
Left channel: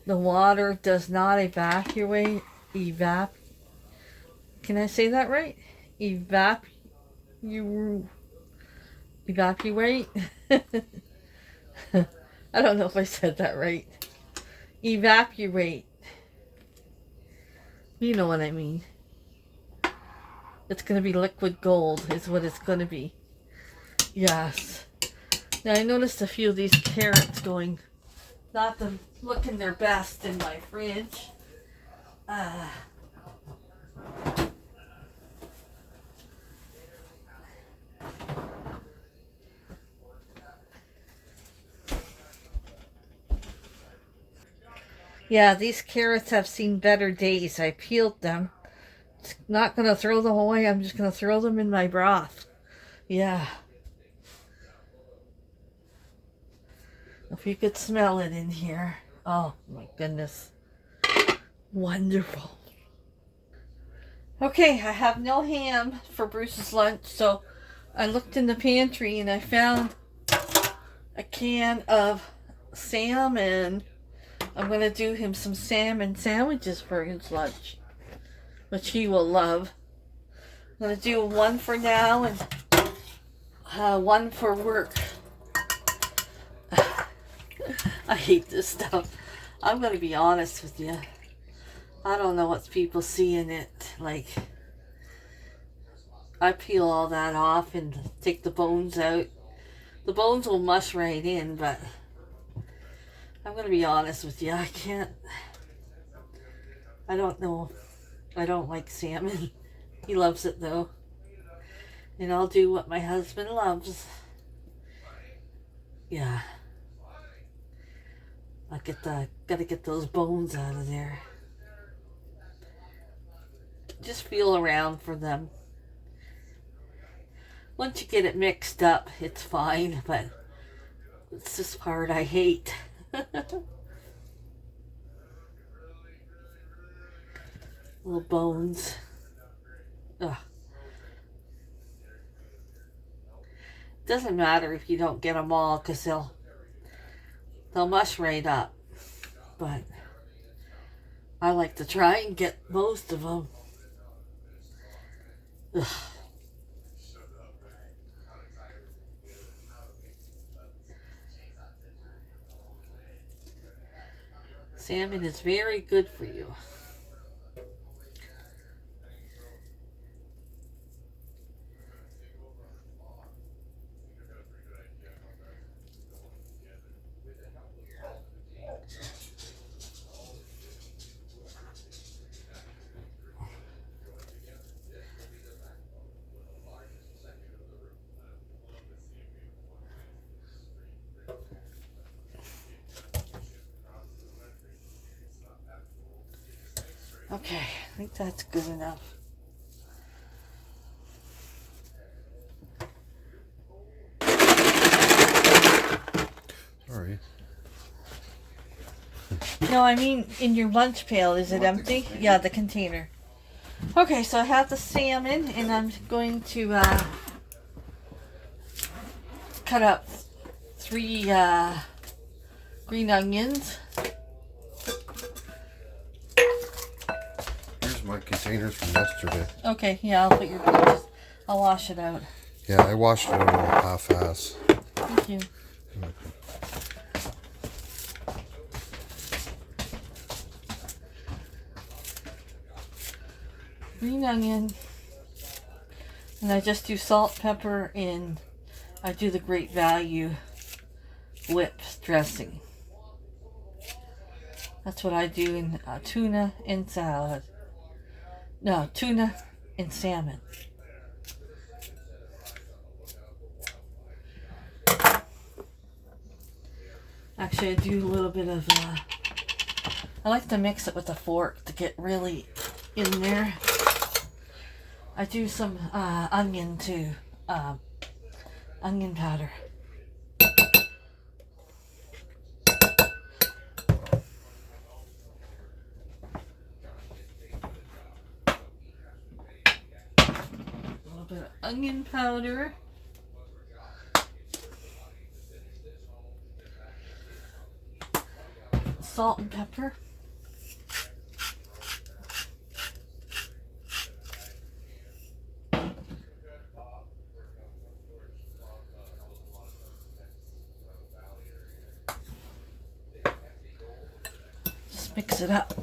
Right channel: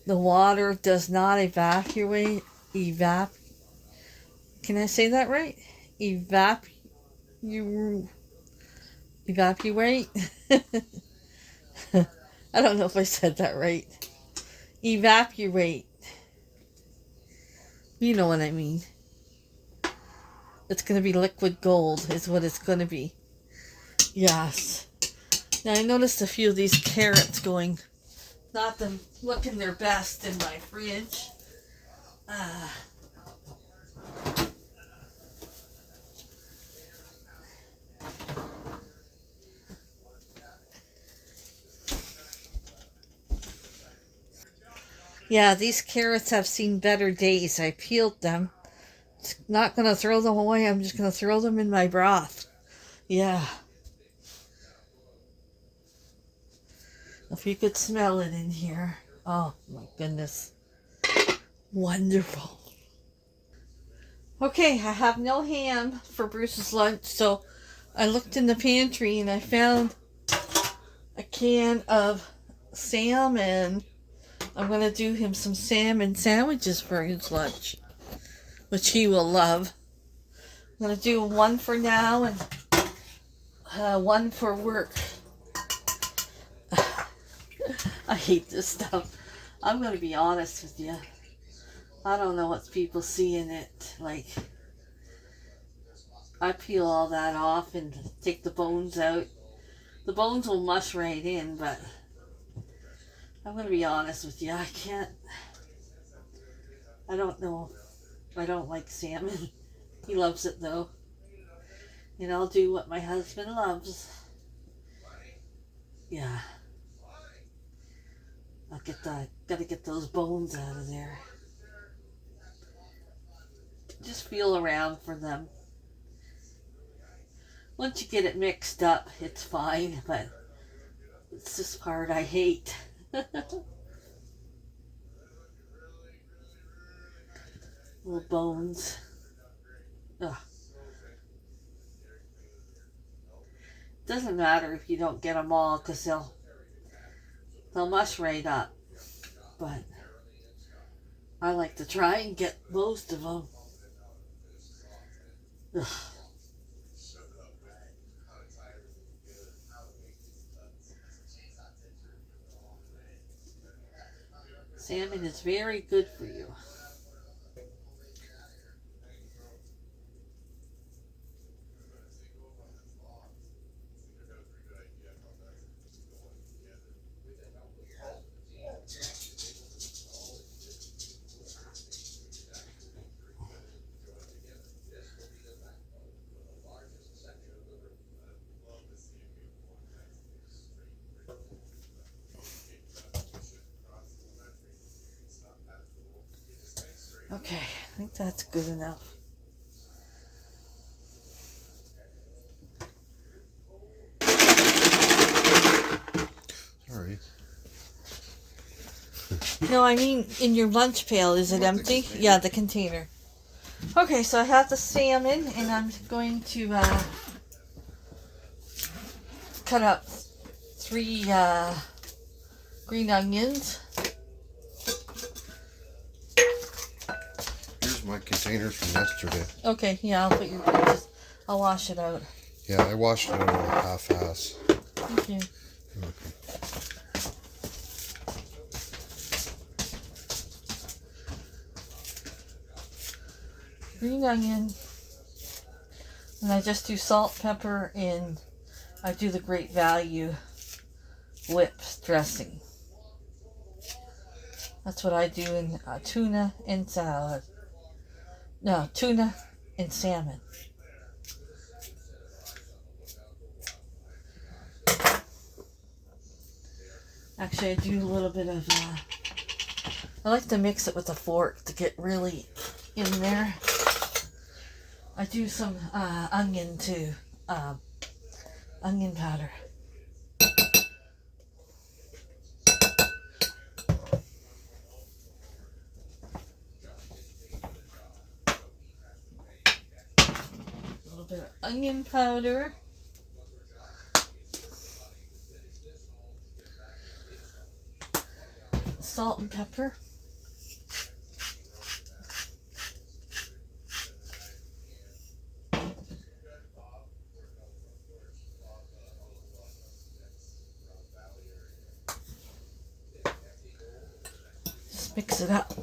the water does not evaporate? Can I say that right? Evaporate? I don't know if I said that right. Evaporate. You know what I mean. It's going to be liquid gold is what it's going to be. Yes. Now I noticed a few of these carrots going, not them looking their best in my fridge. Yeah, these carrots have seen better days. I peeled them. Not gonna throw them away. I'm just gonna throw them in my broth. Yeah. If you could smell it in here. Oh my goodness. Wonderful. Okay, I have no ham for Bruce's lunch, so I looked in the pantry and I found a can of salmon. I'm going to do him some salmon sandwiches for his lunch, which he will love. I'm going to do one for now and one for work. I hate this stuff. I'm going to be honest with you. I don't know what people see in it. Like, I peel all that off and take the bones out. The bones will mush right in, but I'm going to be honest with you. I don't know. I don't like salmon. He loves it though. And I'll do what my husband loves. Yeah. Gotta get those bones out of there. Just feel around for them. Once you get it mixed up, it's fine, but it's this part I hate. Little bones. Ugh. Doesn't matter if you don't get them all, because they'll mush right up. But I like to try and get most of them. Ugh. Salmon is very good for you. Okay, I think that's good enough. Sorry. No, I mean in your lunch pail. Is it empty? Yeah, the container. Okay, so I have the salmon, and I'm going to cut up 3 green onions. Here's my containers from yesterday. Okay, yeah, I'll wash it out. Yeah, I washed it out half-ass. Thank you. Green onion, and I just do salt, pepper, and I do the Great Value whip dressing. That's what I do in tuna and salad. No, tuna and salmon. Actually, I do a little bit of, I like to mix it with a fork to get really in there. I do some onion too, onion powder. A little bit of onion powder. Salt and pepper. Just mix it up.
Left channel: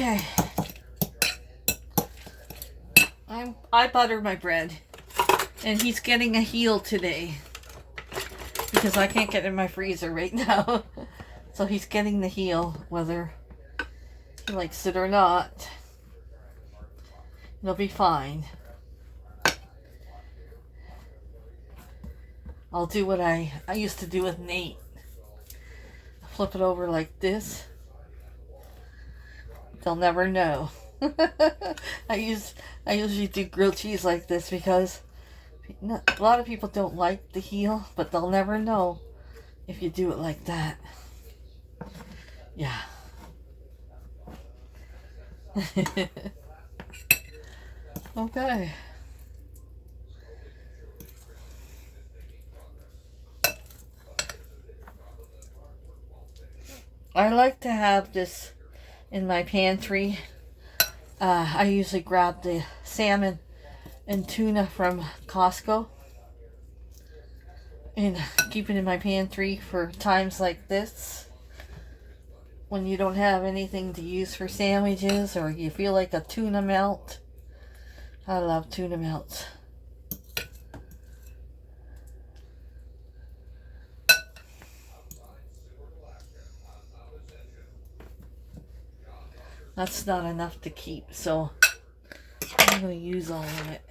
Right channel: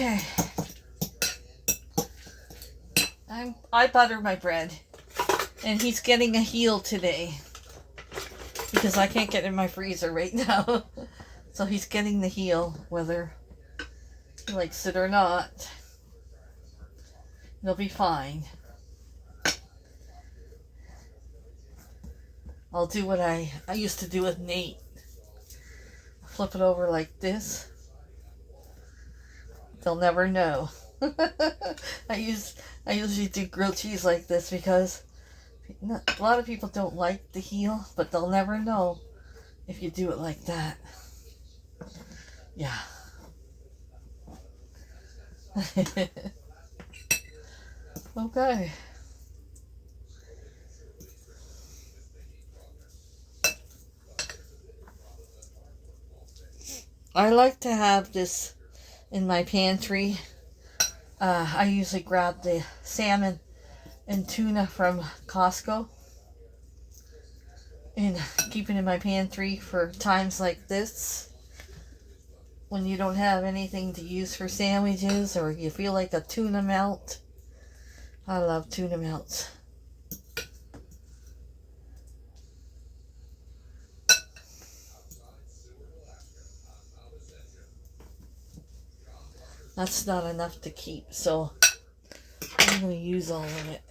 Okay. I butter my bread. And he's getting a heel today. Because I can't get in my freezer right now. So he's getting the heel, whether he likes it or not. It'll be fine. I'll do what I used to do with Nate. Flip it over like this. They'll never know. I usually do grilled cheese like this because a lot of people don't like the heel, but they'll never know if you do it like that. Yeah. Okay. I like to have this in my pantry. I usually grab the salmon and tuna from Costco and keep it in my pantry for times like this when you don't have anything to use for sandwiches or you feel like a tuna melt. I love tuna melts. That's not enough to keep, so I'm going to use all of it.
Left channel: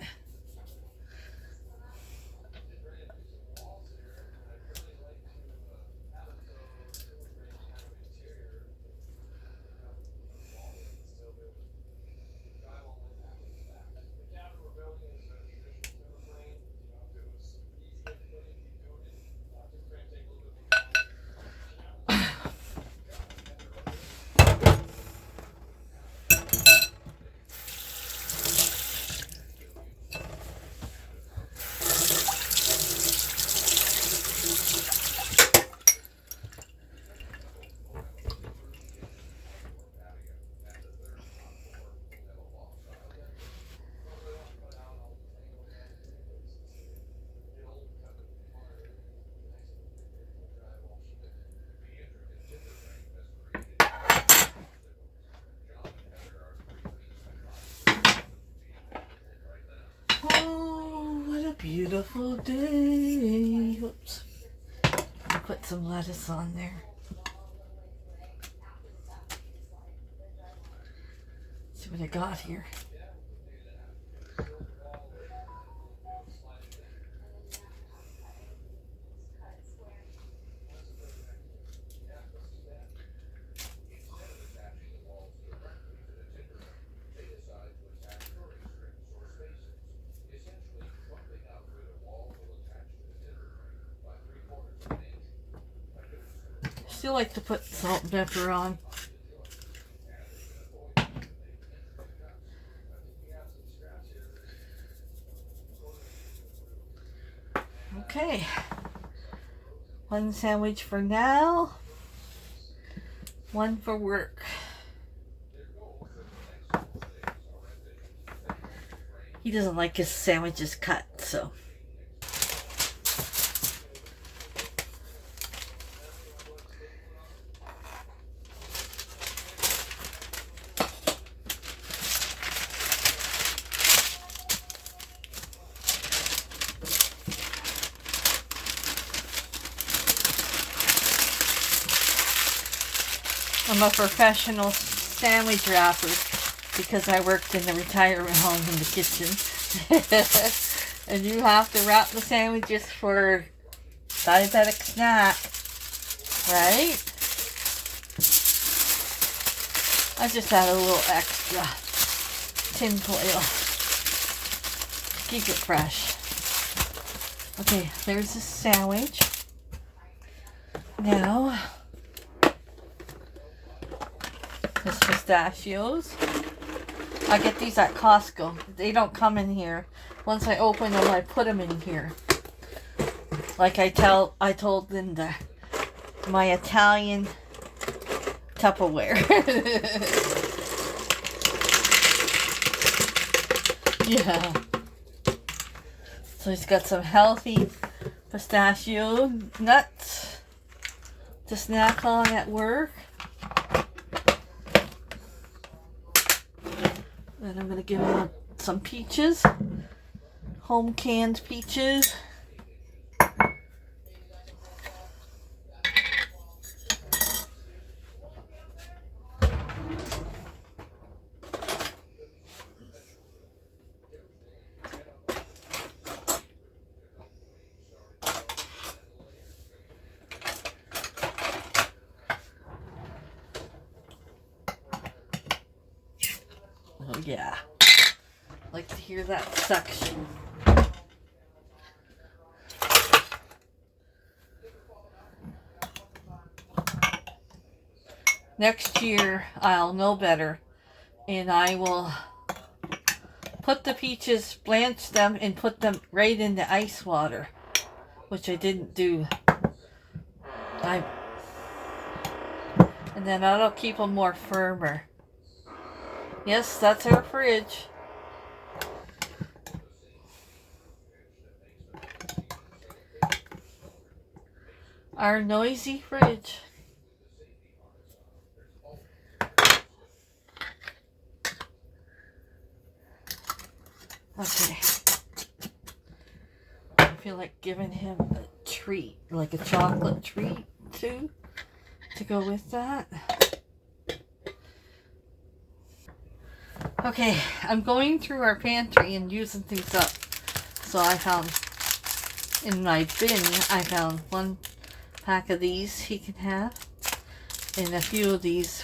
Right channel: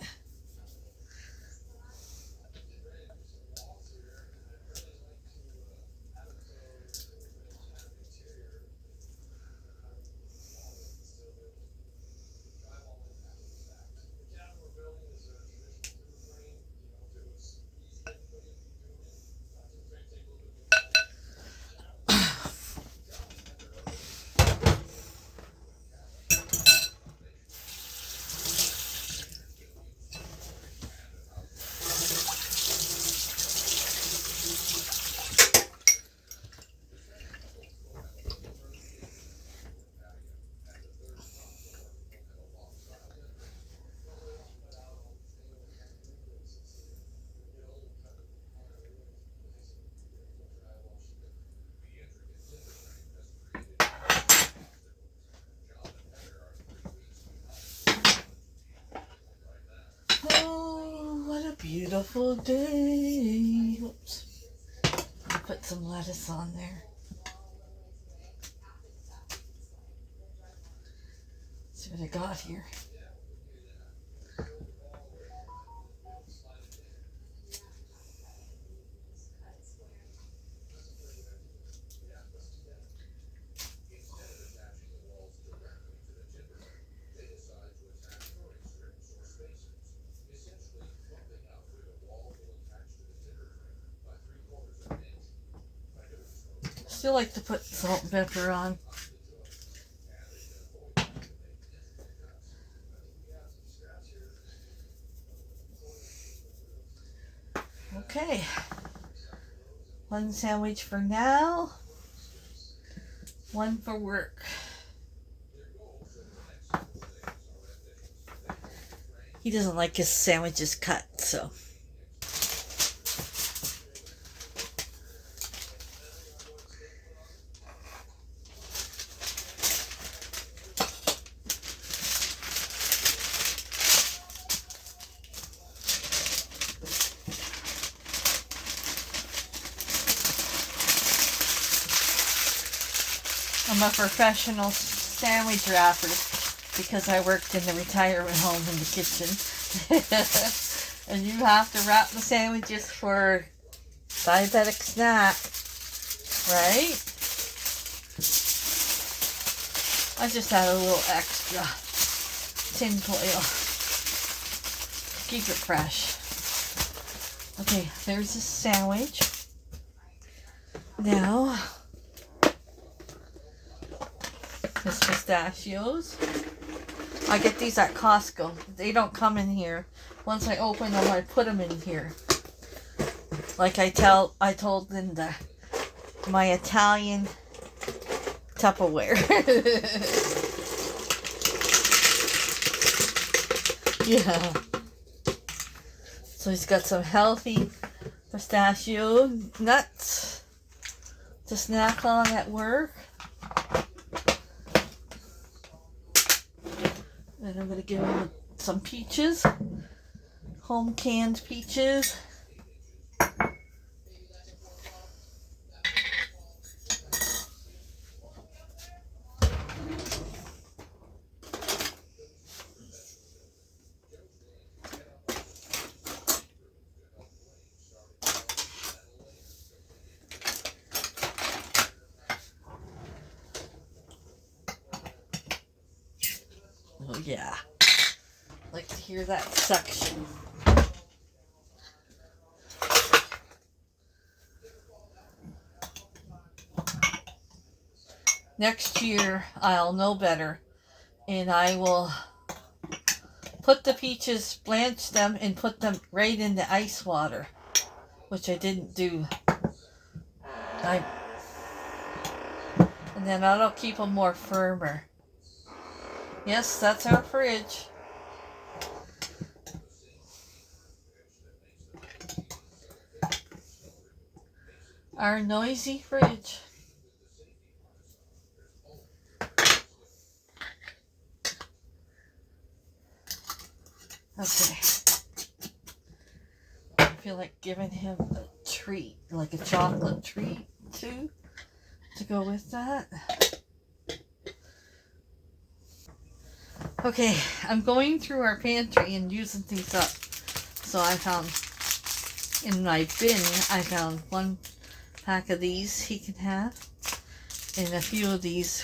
Oh, what a beautiful day. Whoops. I'll put some lettuce on there. See what I got here. Still like to put salt and pepper on. Okay. One sandwich for now. One for work. He doesn't like his sandwiches cut, so. I'm a professional sandwich wrapper because I worked in the retirement home in the kitchen. And you have to wrap the sandwiches for diabetic snack, right? I just had a little extra tin foil. Keep it fresh. Okay, there's the sandwich. Now, there's pistachios. I get these at Costco. They don't come in here. Once I open them, I put them in here. Like I told Linda, my Italian Tupperware. Yeah. So he's got some healthy pistachio nuts to snack on at work. And I'm going to give him some peaches, home canned peaches. Oh yeah, like to hear that suction. Next year I'll know better, and I will put the peaches, blanch them, and put them right in the ice water, which I didn't do. And then that'll keep them more firmer. Yes, that's our fridge. Our noisy fridge. Okay. I feel like giving him a treat, like a chocolate treat too, to go with that. Okay, I'm going through our pantry and using things up. So I found, in my bin, I found 1 pack of these he can have. And a few of these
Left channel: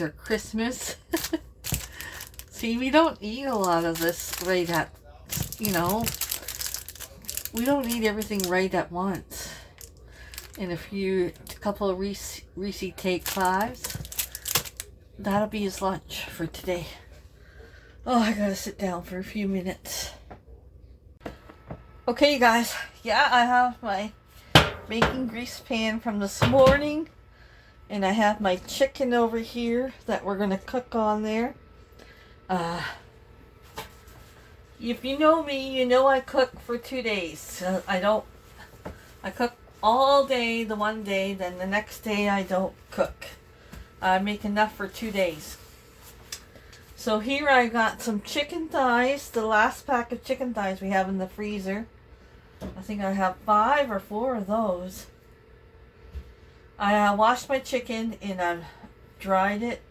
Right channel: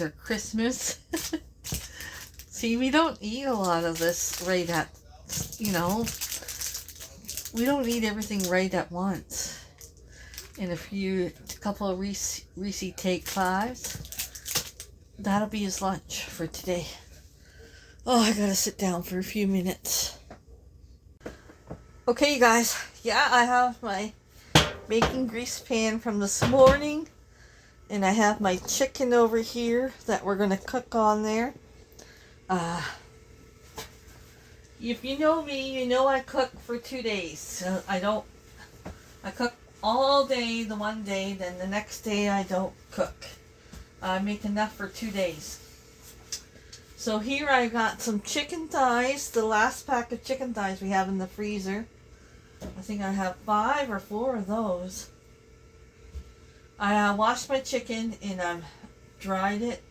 are Christmas. See, we don't eat a lot of this right at, you know, we don't eat everything right at once. And a couple of Reese Take 5s. That'll be his lunch for today. Oh, I gotta sit down for a few minutes. Okay, you guys. Yeah, I have my bacon grease pan from this morning. And I have my chicken over here that we're gonna cook on there. If you know me, you know I cook for 2 days. I cook all day the one day, then the next day I don't cook. I make enough for 2 days. So here I got some chicken thighs, the last pack of chicken thighs we have in the freezer. I think I have 5 or 4 of those. I washed my chicken and I've dried it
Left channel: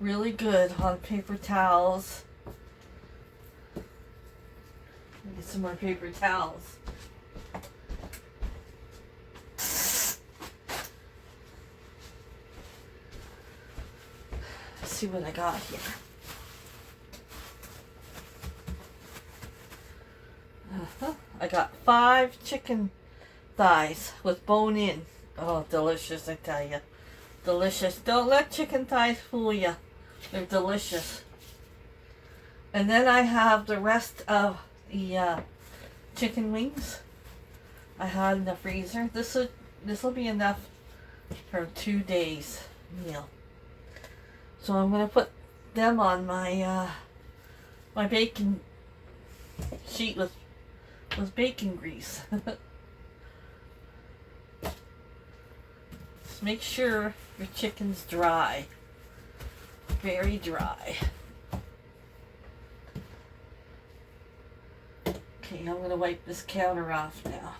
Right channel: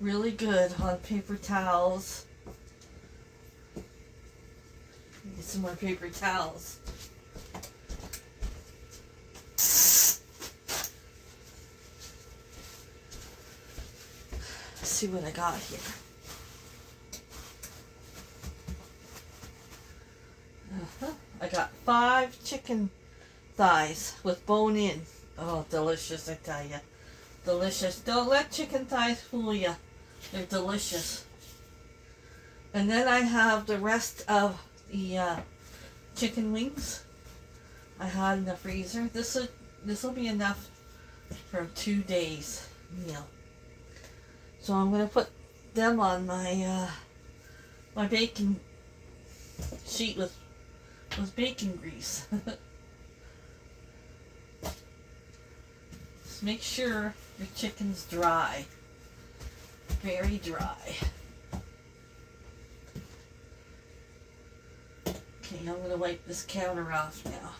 really good on paper towels. Get some more paper towels. Let's see what I got here. I got 5 chicken thighs with bone in. Oh, delicious, I tell you. Delicious. Don't let chicken thighs fool you. They're delicious. And then I have the rest of the chicken wings I had in the freezer. This will be enough for 2 days meal. So I'm going to put them on my my bacon sheet with bacon grease. Just make sure your chicken's dry. Very dry. Okay, I'm going to wipe this counter off now.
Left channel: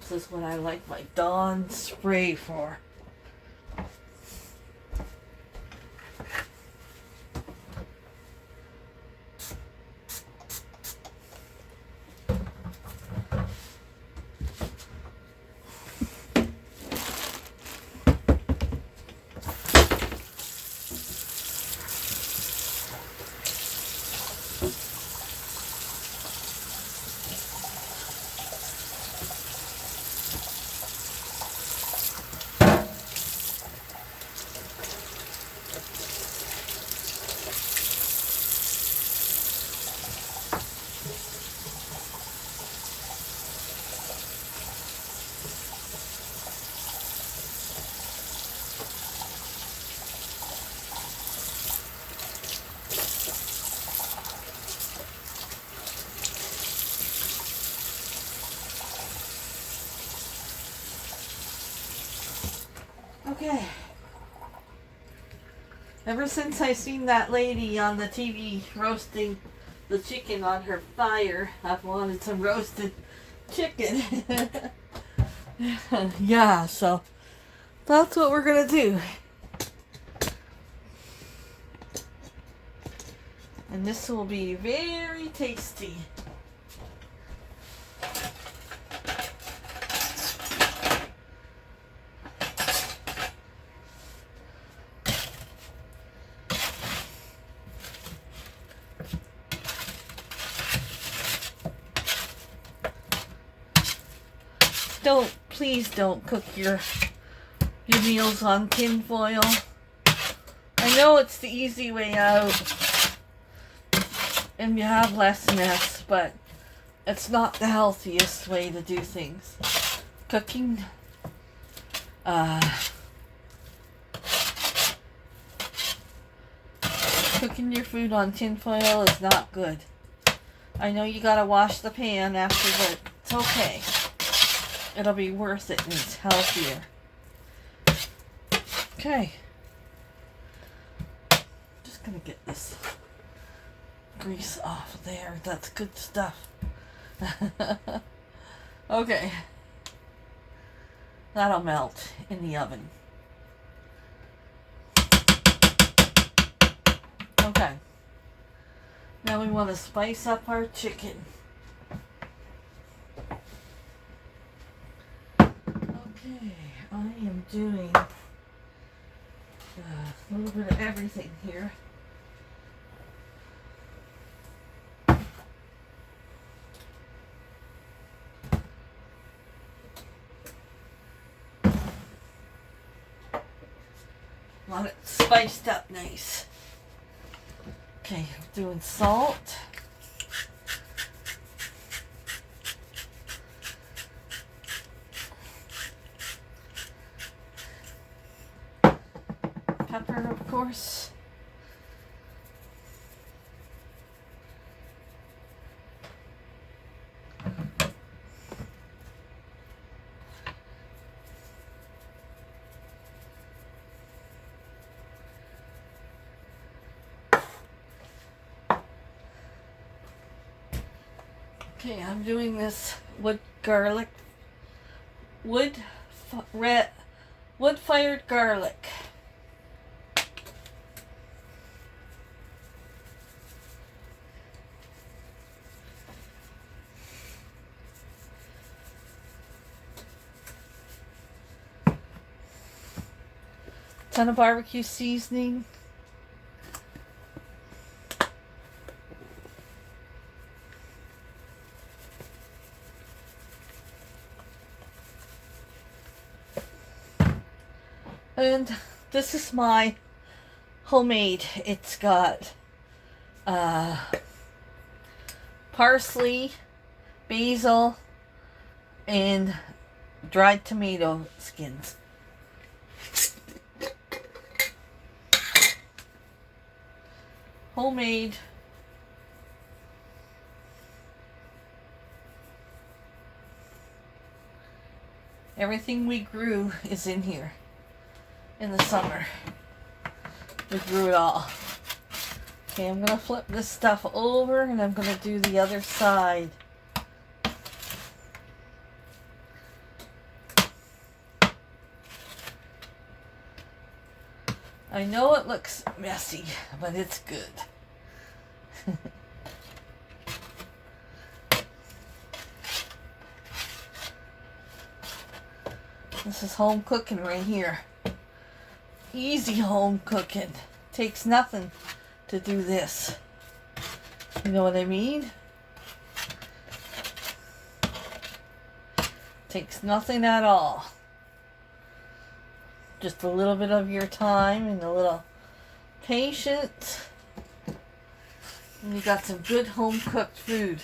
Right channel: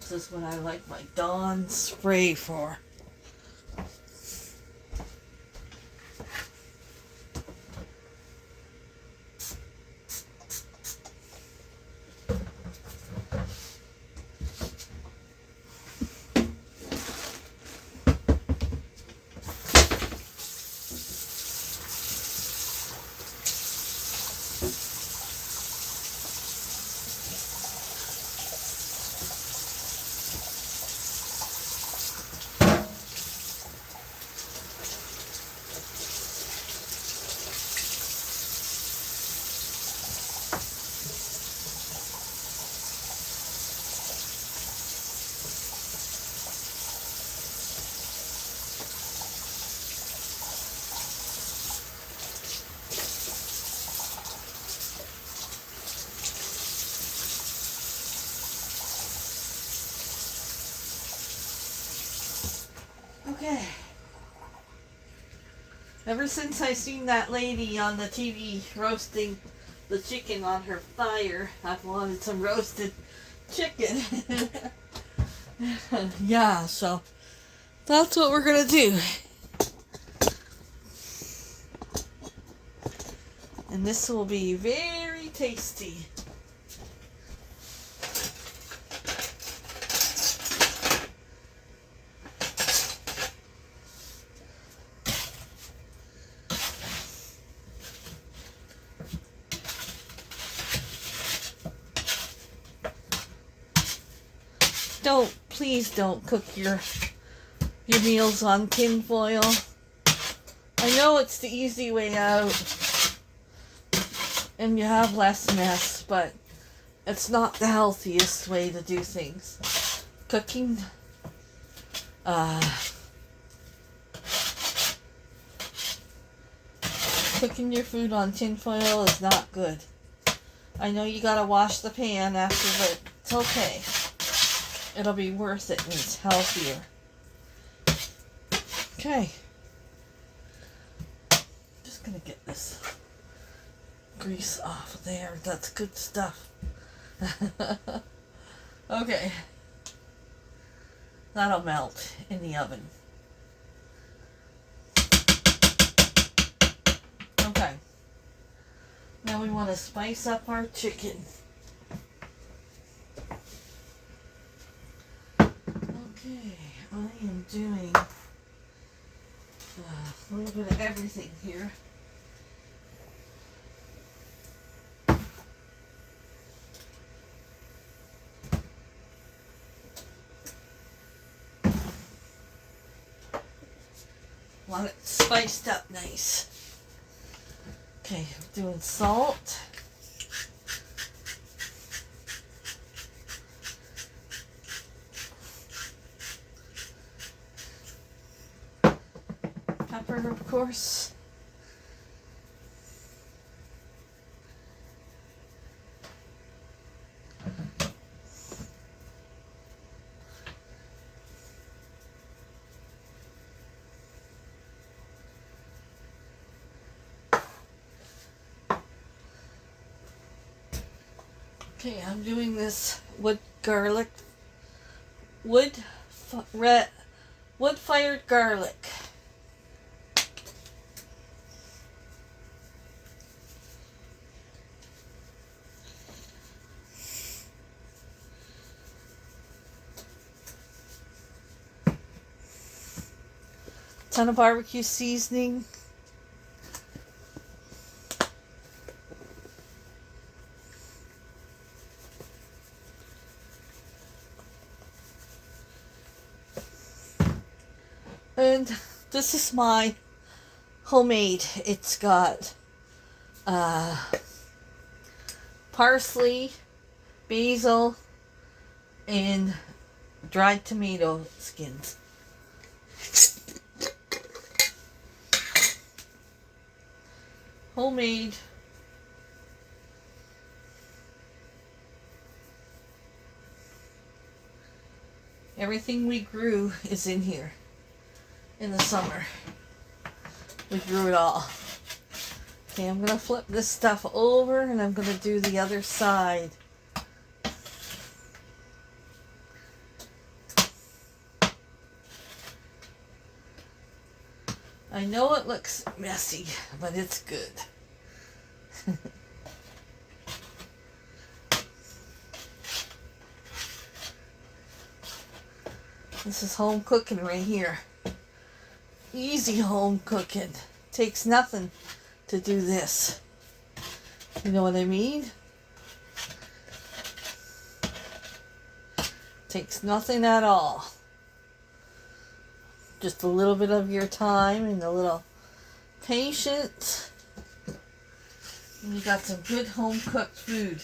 This is what I like my Dawn spray for. Okay. Ever since I seen that lady on the TV roasting the chicken on her fire, I've wanted some roasted chicken. Yeah, so that's what we're gonna do. And this will be very tasty. Please don't cook your meals on tin foil. I know it's the easy way out and you have less mess, but it's not the healthiest way to do things. Cooking cooking your food on tin foil is not good. I know you gotta wash the pan after, but it's okay. It'll be worth it and it's healthier. Okay. Just gonna get this grease off of there. That's good stuff. Okay. That'll melt in the oven. Okay. Now we want to spice up our chicken. Okay, I am doing a little bit of everything here. Want it spiced up nice. Okay, I'm doing salt. Pepper, of course. Okay, I'm doing this wood-fired garlic. Ton of barbecue seasoning. And this is my homemade. It's got parsley, basil, and dried tomato skins. Homemade. Everything we grew is in here. In the summer, we grew it all. Okay, I'm gonna flip this stuff over and I'm gonna do the other side. I know it looks messy, but it's good. This is home cooking right here. Easy home cooking. Takes nothing to do this. You know what I mean? Takes nothing at all. Just a little bit of your time and a little patience. And you got some good home cooked food.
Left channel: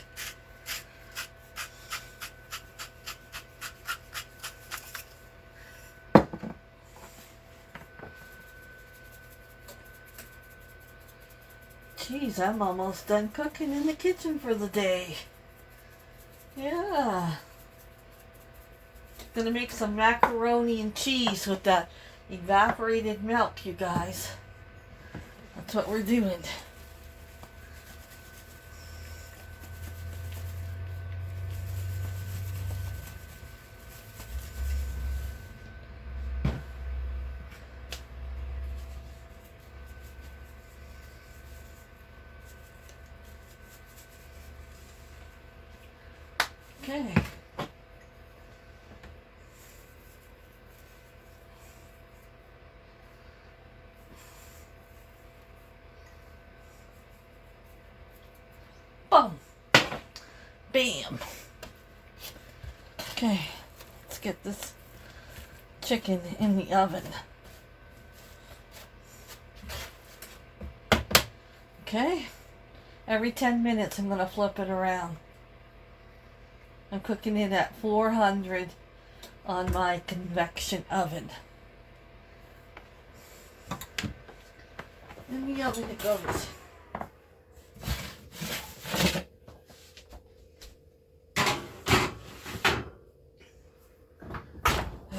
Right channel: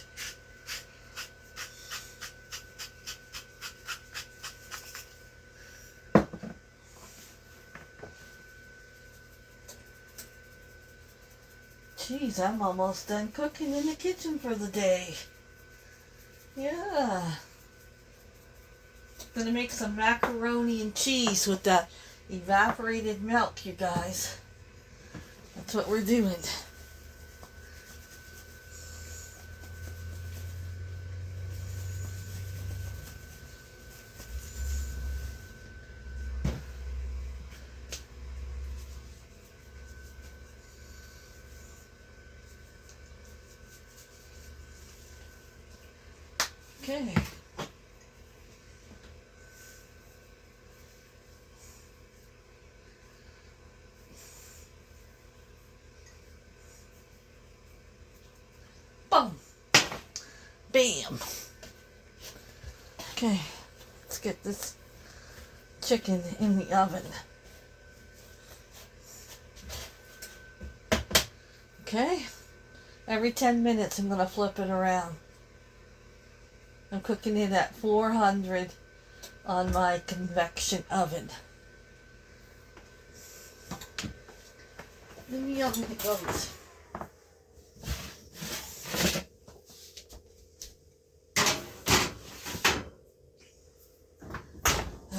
Jeez, I'm almost done cooking in the kitchen for the day. Yeah. Gonna make some macaroni and cheese with that evaporated milk, you guys. That's what we're doing. Okay. Boom. Bam. Okay, let's get this chicken in the oven. Okay, every 10 minutes I'm going to flip it around. I'm cooking it at 400 on my convection oven. In the oven it goes.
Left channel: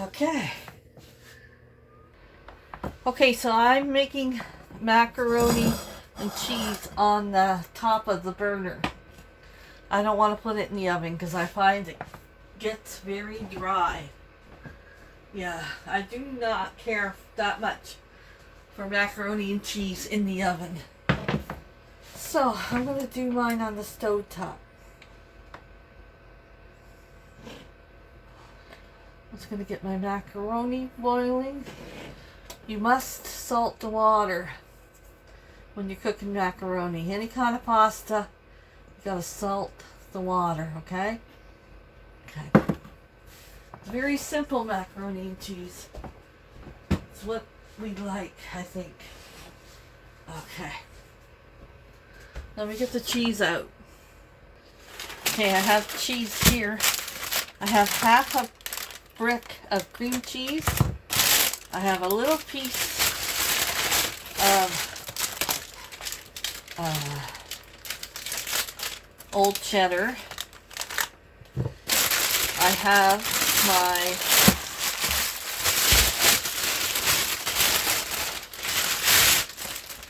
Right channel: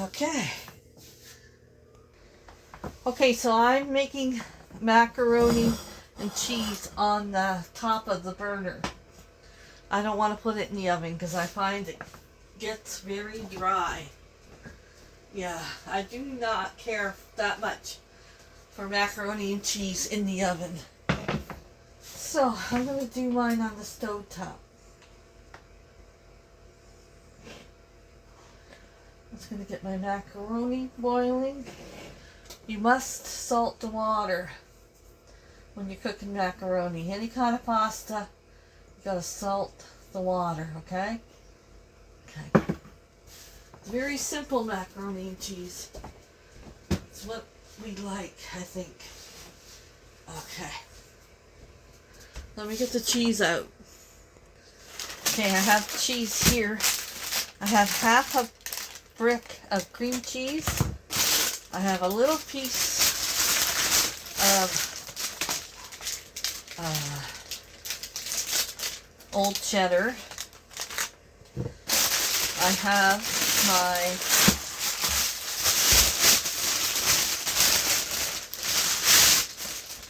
Okay. Okay, so I'm making macaroni and cheese on the top of the burner. I don't want to put it in the oven because I find it gets very dry. Yeah, I do not care that much for macaroni and cheese in the oven. So I'm going to do mine on the stove top. I'm just going to get my macaroni boiling. You must salt the water when you're cooking macaroni. Any kind of pasta, you got to salt the water, okay? Okay. It's very simple macaroni and cheese. It's what we like, I think. Okay. Let me get the cheese out. Okay, I have cheese here. I have half a brick of cream cheese. I have a little piece of old cheddar. I have my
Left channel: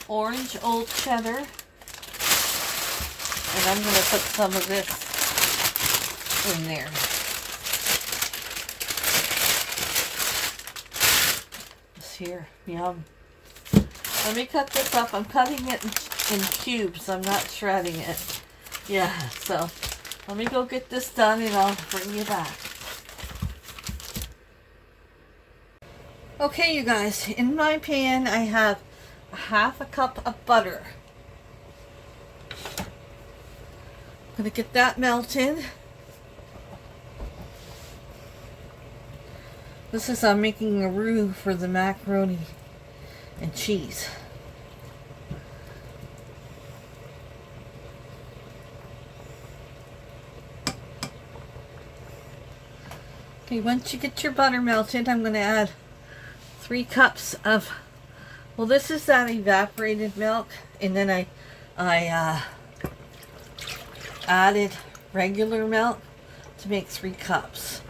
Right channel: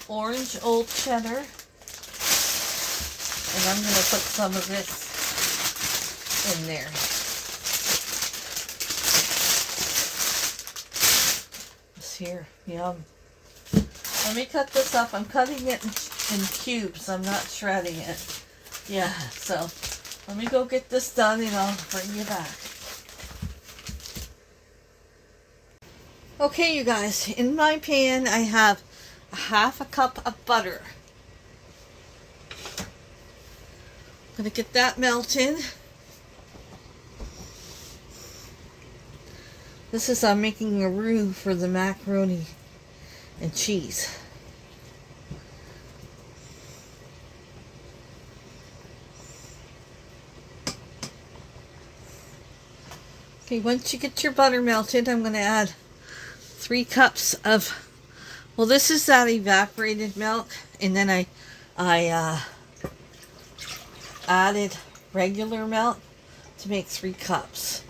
orange old cheddar. And I'm going to put some of this in there. This here, yum. Let me cut this up. I'm cutting it in cubes. I'm not shredding it. Yeah, so let me go get this done and I'll bring you back. Okay, you guys, in my pan I have half a cup of butter. I'm going to get that melted. This is I'm making a roux for the macaroni and cheese. Okay, once you get your butter melted, I'm going to add 3 cups of, well, this is that evaporated milk, and then I added regular milk to make 3 cups.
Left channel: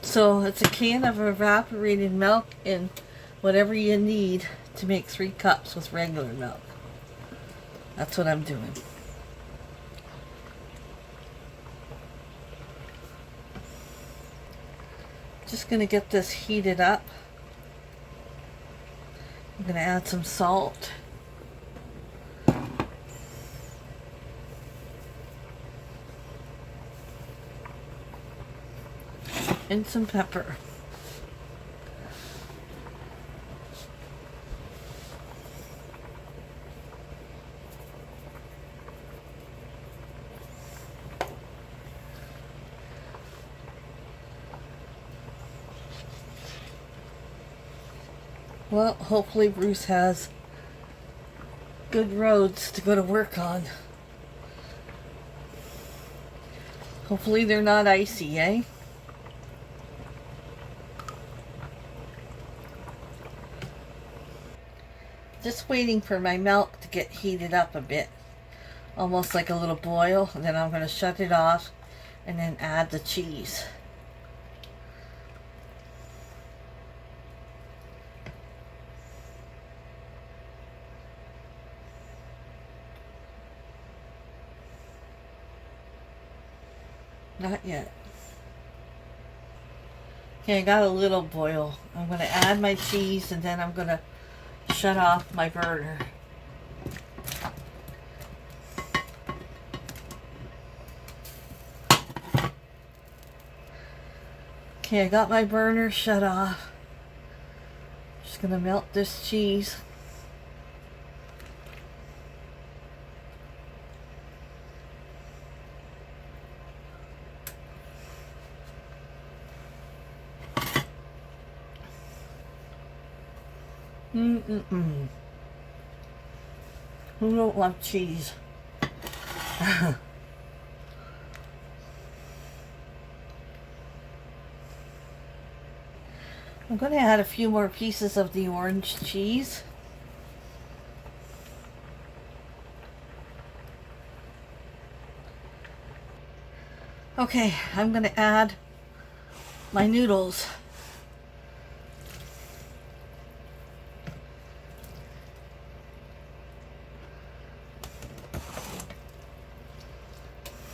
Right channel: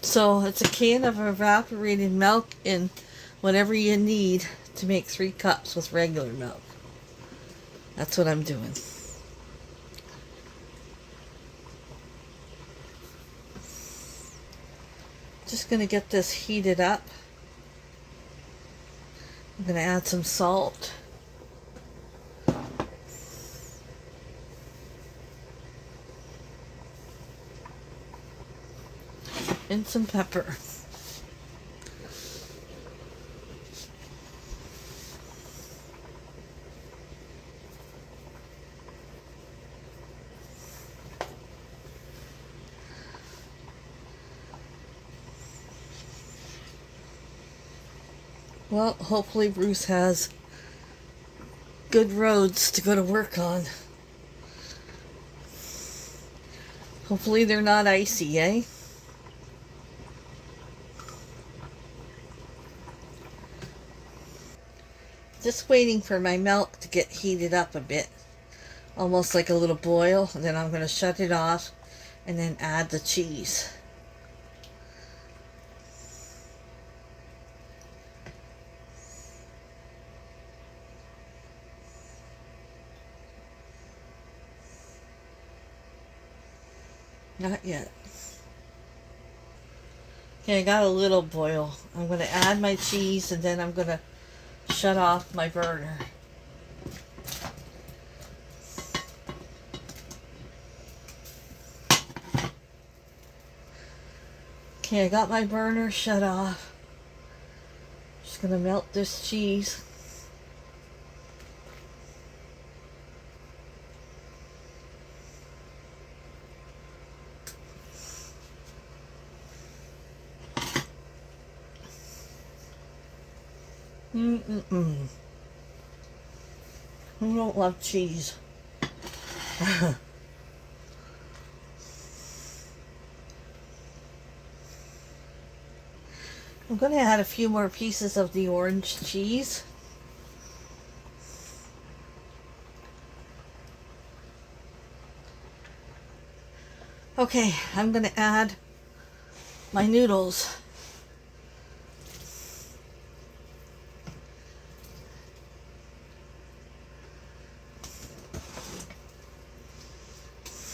So it's a can of evaporated milk and whatever you need to make 3 cups with regular milk. That's what I'm doing. Just going to get this heated up. I'm going to add some salt. And some pepper. Well, hopefully Bruce has good roads to go to work on. Hopefully they're not icy, eh? Just waiting for my milk to get heated up a bit. Almost like a little boil. And then I'm going to shut it off and then add the cheese. Not yet. Okay, I got a little boil. I'm going to add my cheese and then I'm going to shut off my burner. Okay, I got my burner shut off. Just going to melt this cheese. Who don't love cheese? I'm going to add a few more pieces of the orange cheese. Okay, I'm going to add my noodles.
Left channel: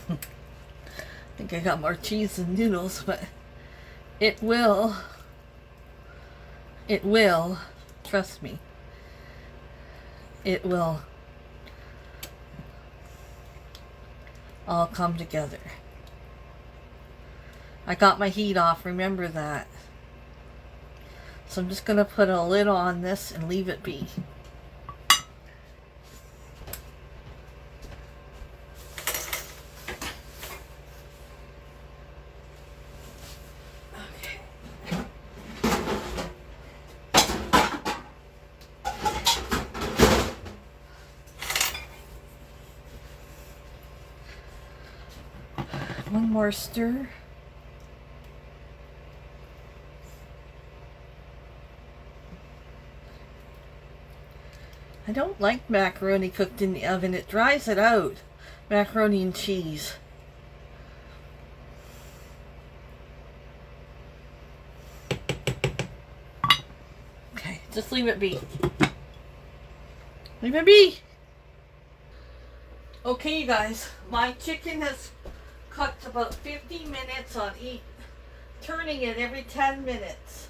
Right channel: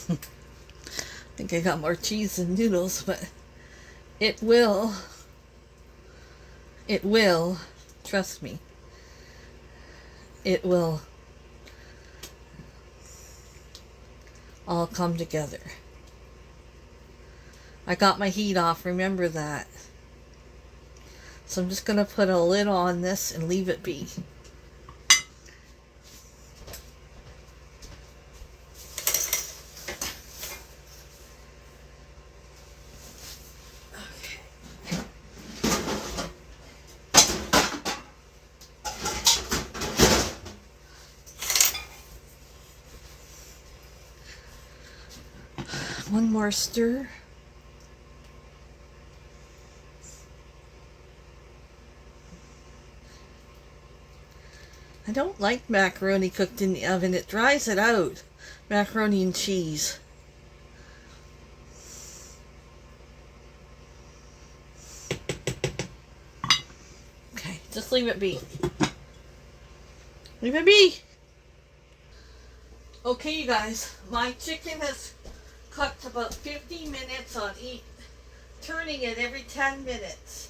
I think I got more cheese than noodles, but it will, trust me, it will all come together. I got my heat off, remember that. So I'm just going to put a lid on this and leave it be. One more stir. I don't like macaroni cooked in the oven. It dries it out. Macaroni and cheese. Okay, just leave it be. Leave it be. Okay, you guys, my chicken has cooked about 50 minutes on each, turning it every 10 minutes.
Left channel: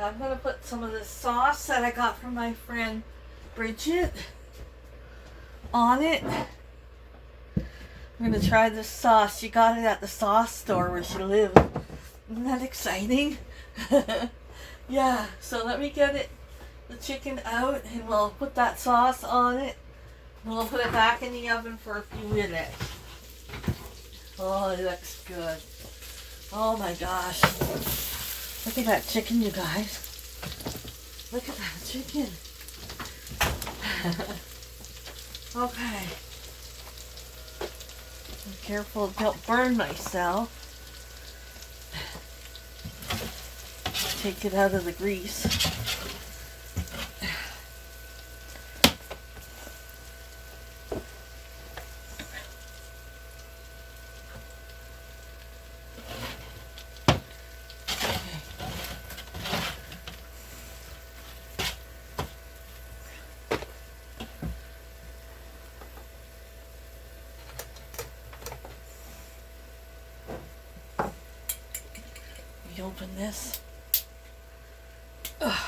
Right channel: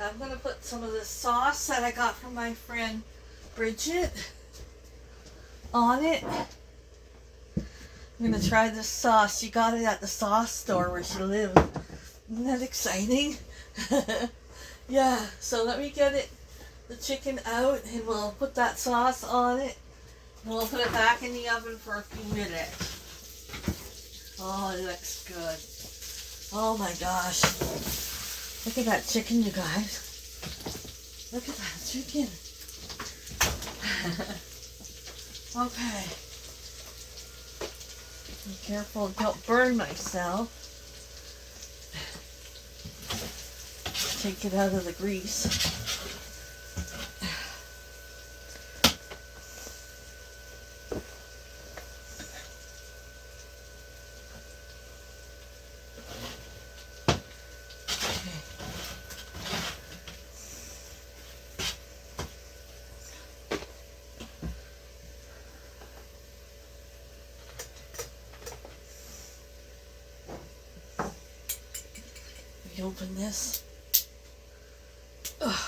I'm going to put some of the sauce that I got from my friend Bridget on it. I'm going to try this sauce. She got it at the sauce store where she lived. Isn't that exciting? Yeah, so let me get the chicken out and we'll put that sauce on it. And we'll put it back in the oven for a few minutes. Oh, it looks good. Oh my gosh. Look at that chicken, you guys. Look at that chicken. Okay. Be careful, don't burn myself. Take it out of the grease. Open this. Ugh.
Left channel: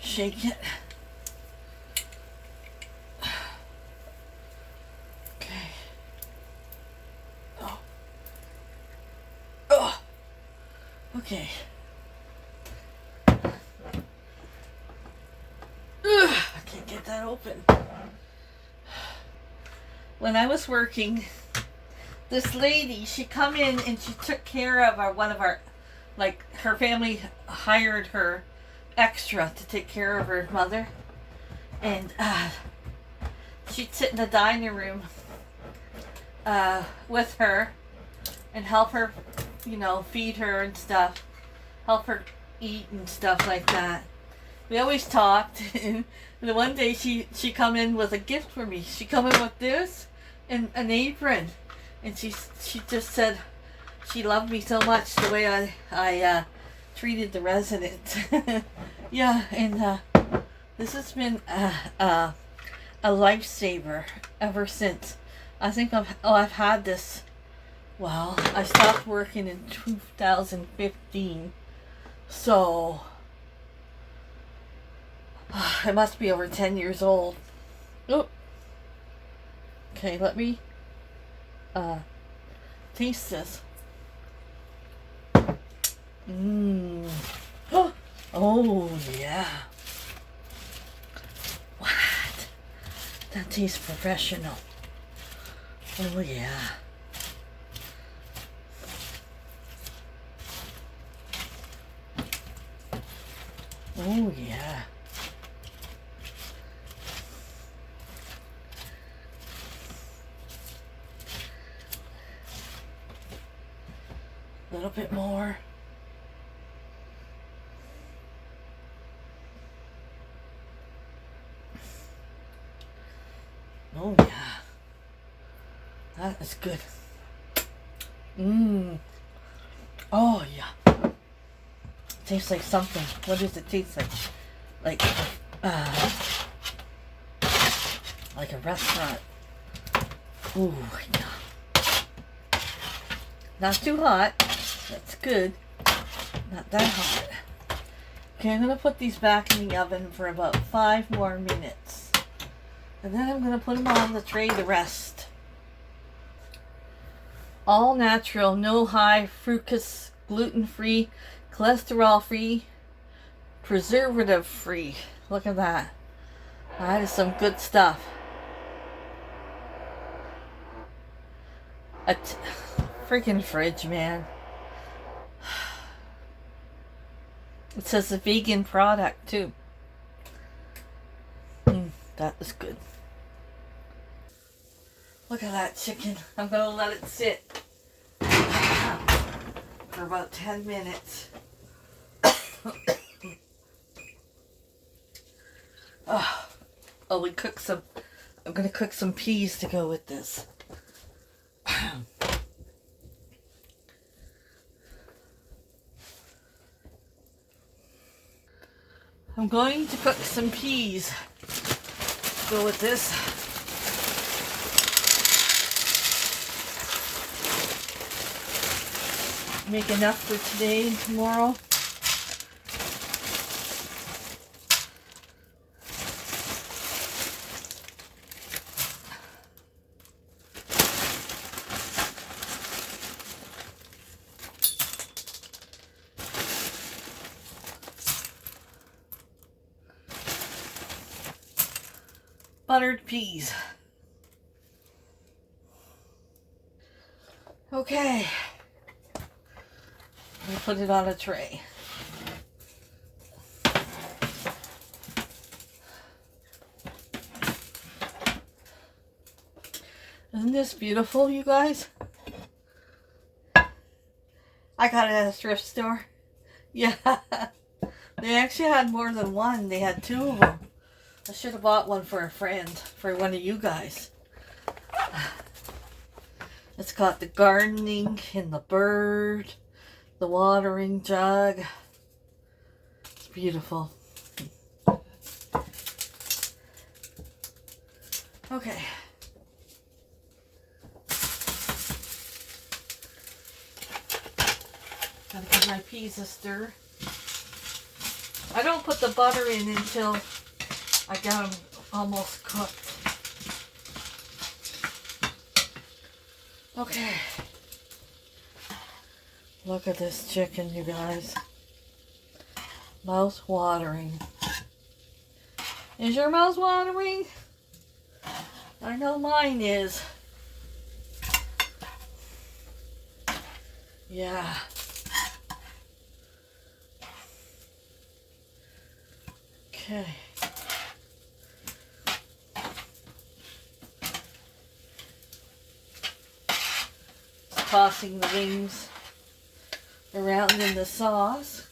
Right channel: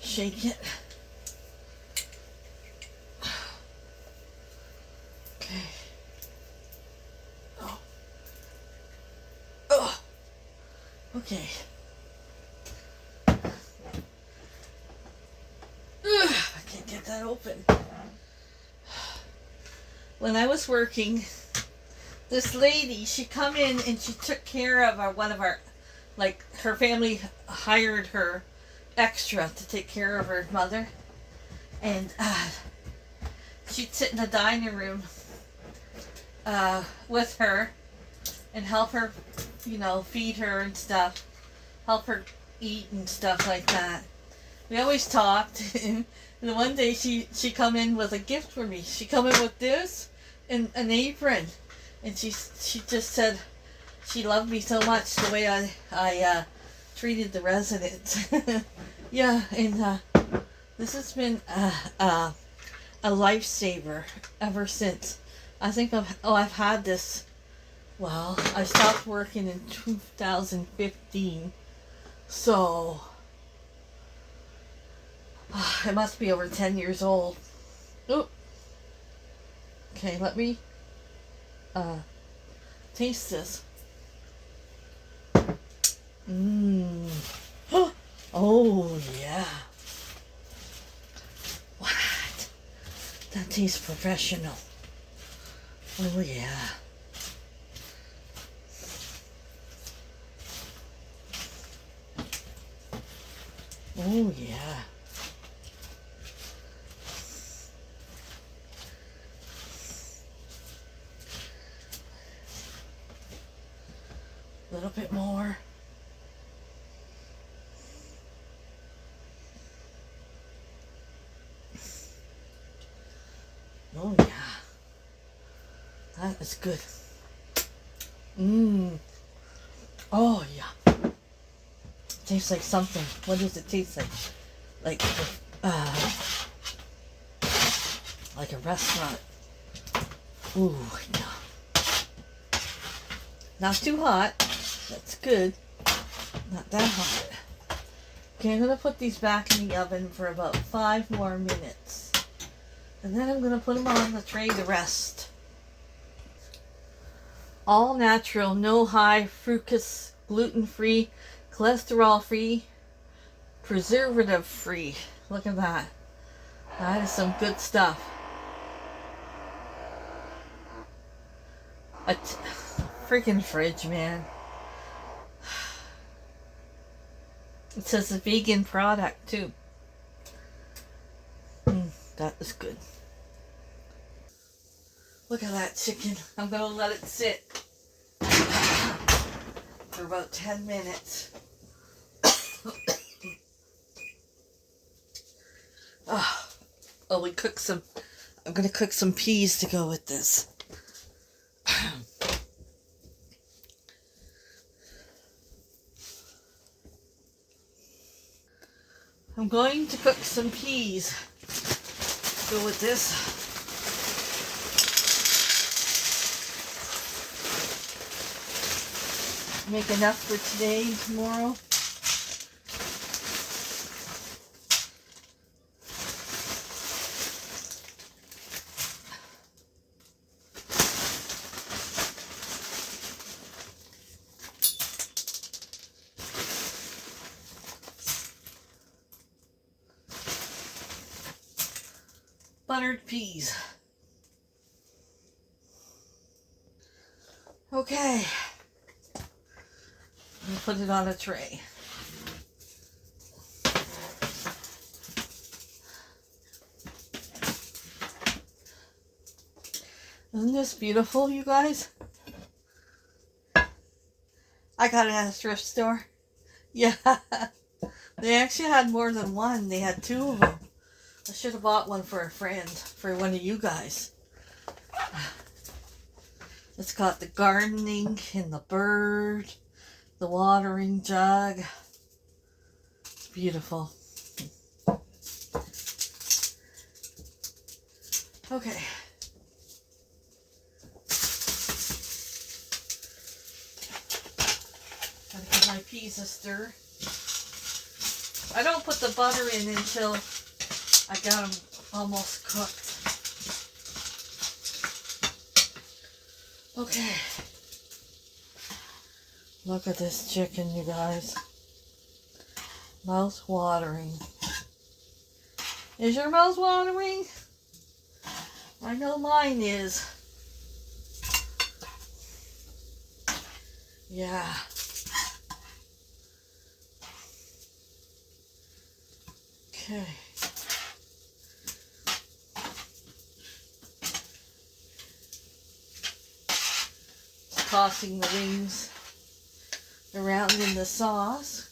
Shake it. Okay. Oh. Oh. Okay. Ugh, I can't get that open. When I was working, this lady, she come in and she took care of one of our, like, her family hired her extra to take care of her mother. And she'd sit in the dining room with her and help her, you know, feed her and stuff, help her eat and stuff like that. We always talked, and one day she come in with a gift for me. She come in with this and an apron, and she just said she loved me so much the way I treated the residents. Yeah, and this has been a lifesaver ever since. I think I've had this. Well, I stopped working in 2015, so it must be over 10 years old. Oop. Okay, let me taste this. Mmm. Oh, yeah. What? That tastes professional. Oh, yeah. Oh, yeah. A little bit more. Oh, yeah. That is good. Mmm. Oh, yeah. Tastes like something. What does it taste like? Like a restaurant. Ooh, yeah. Not too hot. That's good. Not that hot. Okay, I'm going to put these back in the oven for about 5 more minutes. And then I'm going to put them on the tray to rest. All natural, no high fructose, gluten-free, cholesterol-free, preservative-free. Look at that. That is some good stuff. A freaking fridge, man. It says a vegan product, too. That is good. Look at that chicken. I'm going to let it sit for about 10 minutes. Oh, we cook some. I'm going to cook some peas to go with this. I'm going to cook some peas to go with this. Make enough for today and tomorrow. Buttered peas. Okay. I'm going to put it on a tray. Isn't this beautiful, you guys? I got it at a thrift store. Yeah. They actually had more than one. They had 2 of them. I should have bought one for a friend, for one of you guys. It's got the gardening and the bird, the watering jug. It's beautiful. Okay. Gotta give my peas a stir. I don't put the butter in until I got them almost cooked. Okay. Look at this chicken, you guys. Mouth watering. Is your mouth watering? I know mine is. Yeah. Okay. Tossing the wings around in the sauce.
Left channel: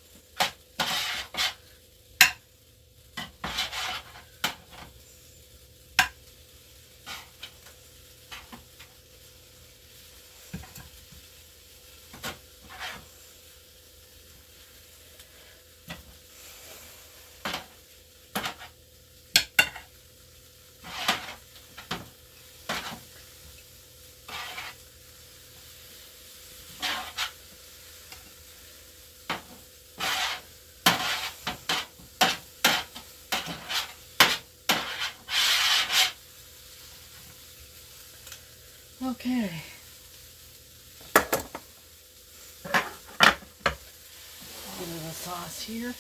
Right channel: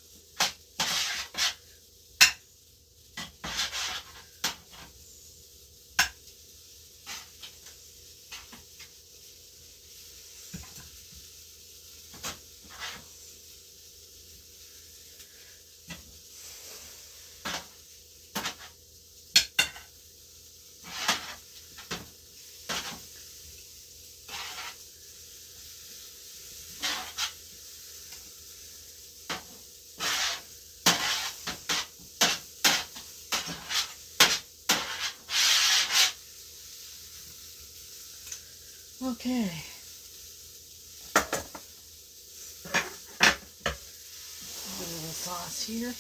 Okay. A little bit of sauce here.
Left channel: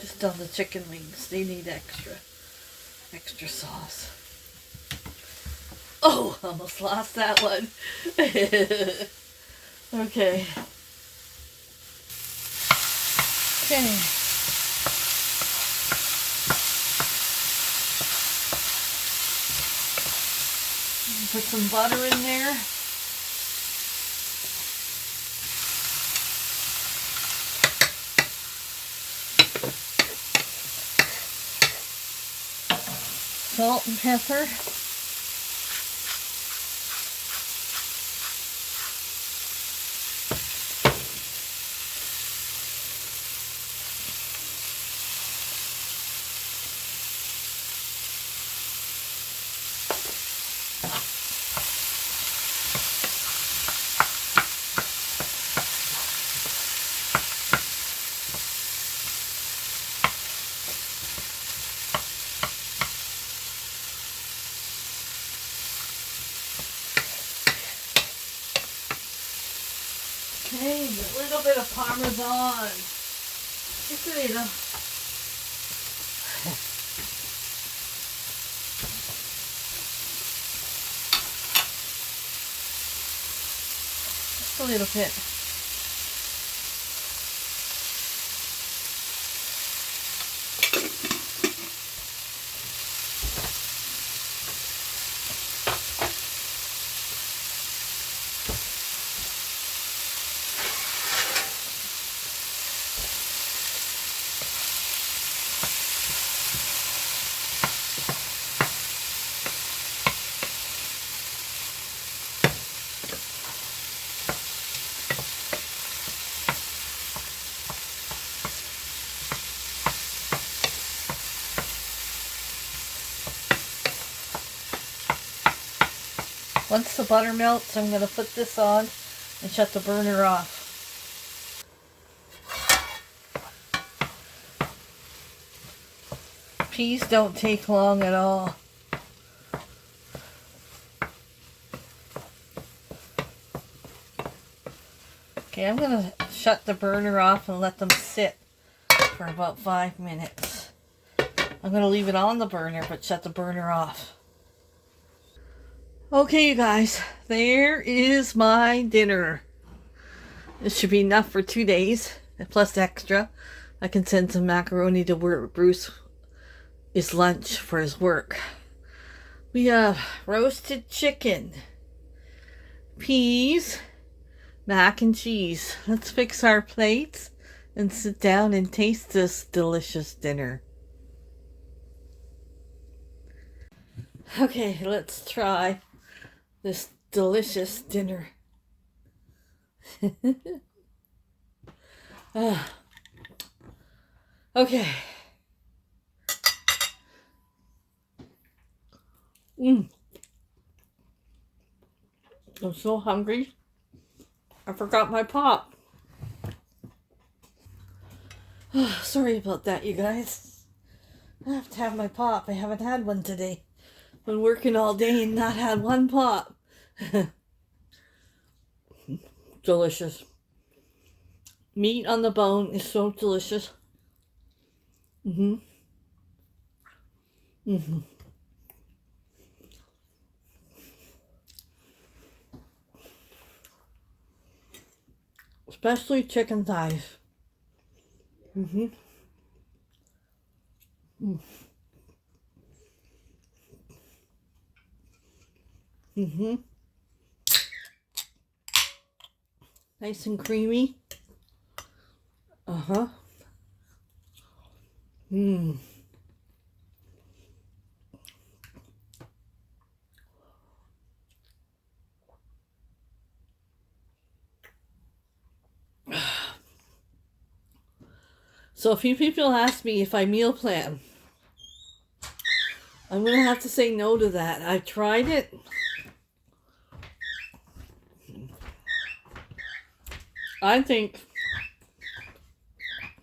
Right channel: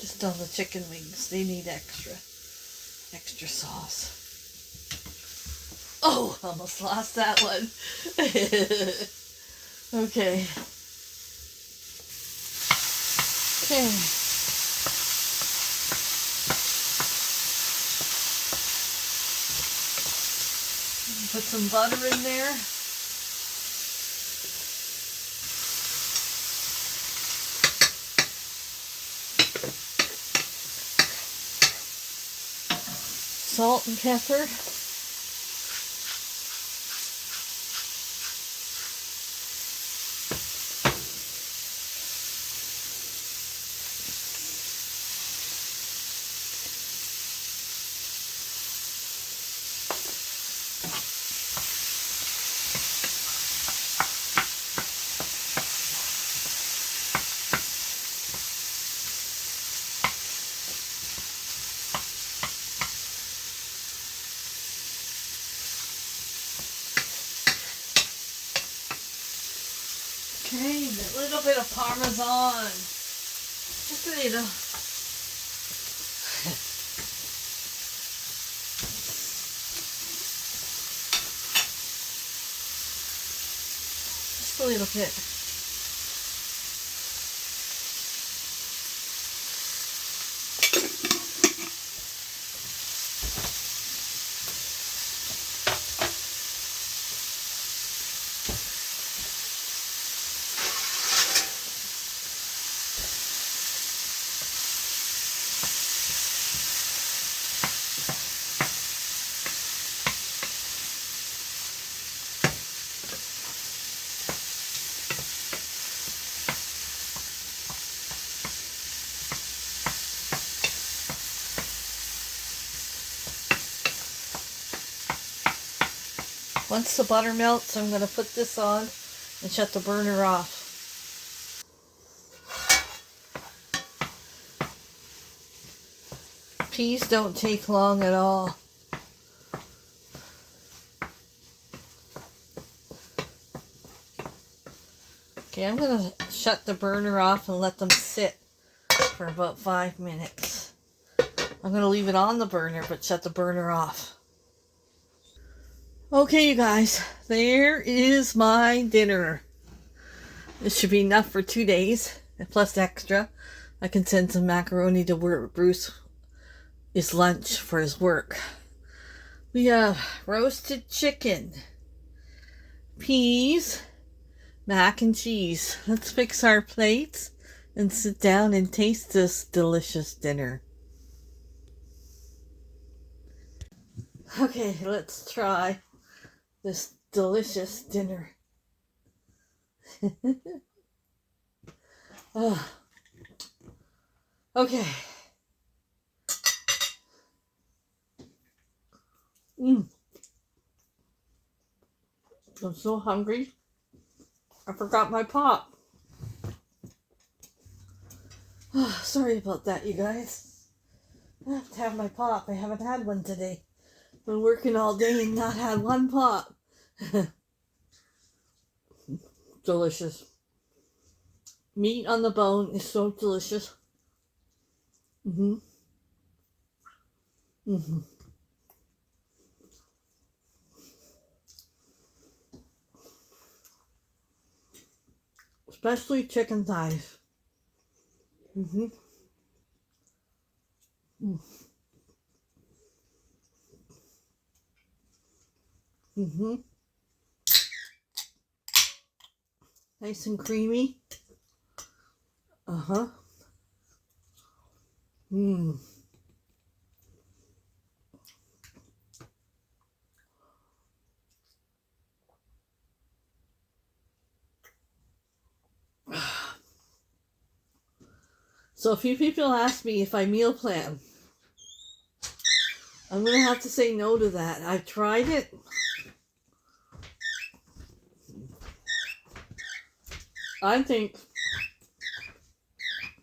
Just on the chicken wings, they need extra sauce. Oh, almost lost that one. Okay. Okay. Put some butter in there. Salt and pepper. Okay, a little bit of Parmesan. Just a little. Just a little bit. Once the butter melts, I'm going to put this on and shut the burner off. Peas don't take long at all. Okay, I'm going to shut the burner off and let them sit for about 5 minutes. I'm going to leave it on the burner, but shut the burner off. Okay, you guys, there is my dinner. This should be enough for 2 days, plus extra. I can send some macaroni to where Bruce is lunch for his work. We have roasted chicken, peas, mac and cheese. Let's fix our plates and sit down and taste this delicious dinner. Okay, let's try this delicious dinner. Okay. I'm so hungry. I forgot my pop. Sorry about that, you guys. I have to have my pop. I haven't had one today. Been working all day and not had one pop. Delicious. Meat on the bone is so delicious. Especially chicken thighs. Nice and creamy. So a few people ask me if I meal plan. I'm going to have to say no to that. I tried it. I think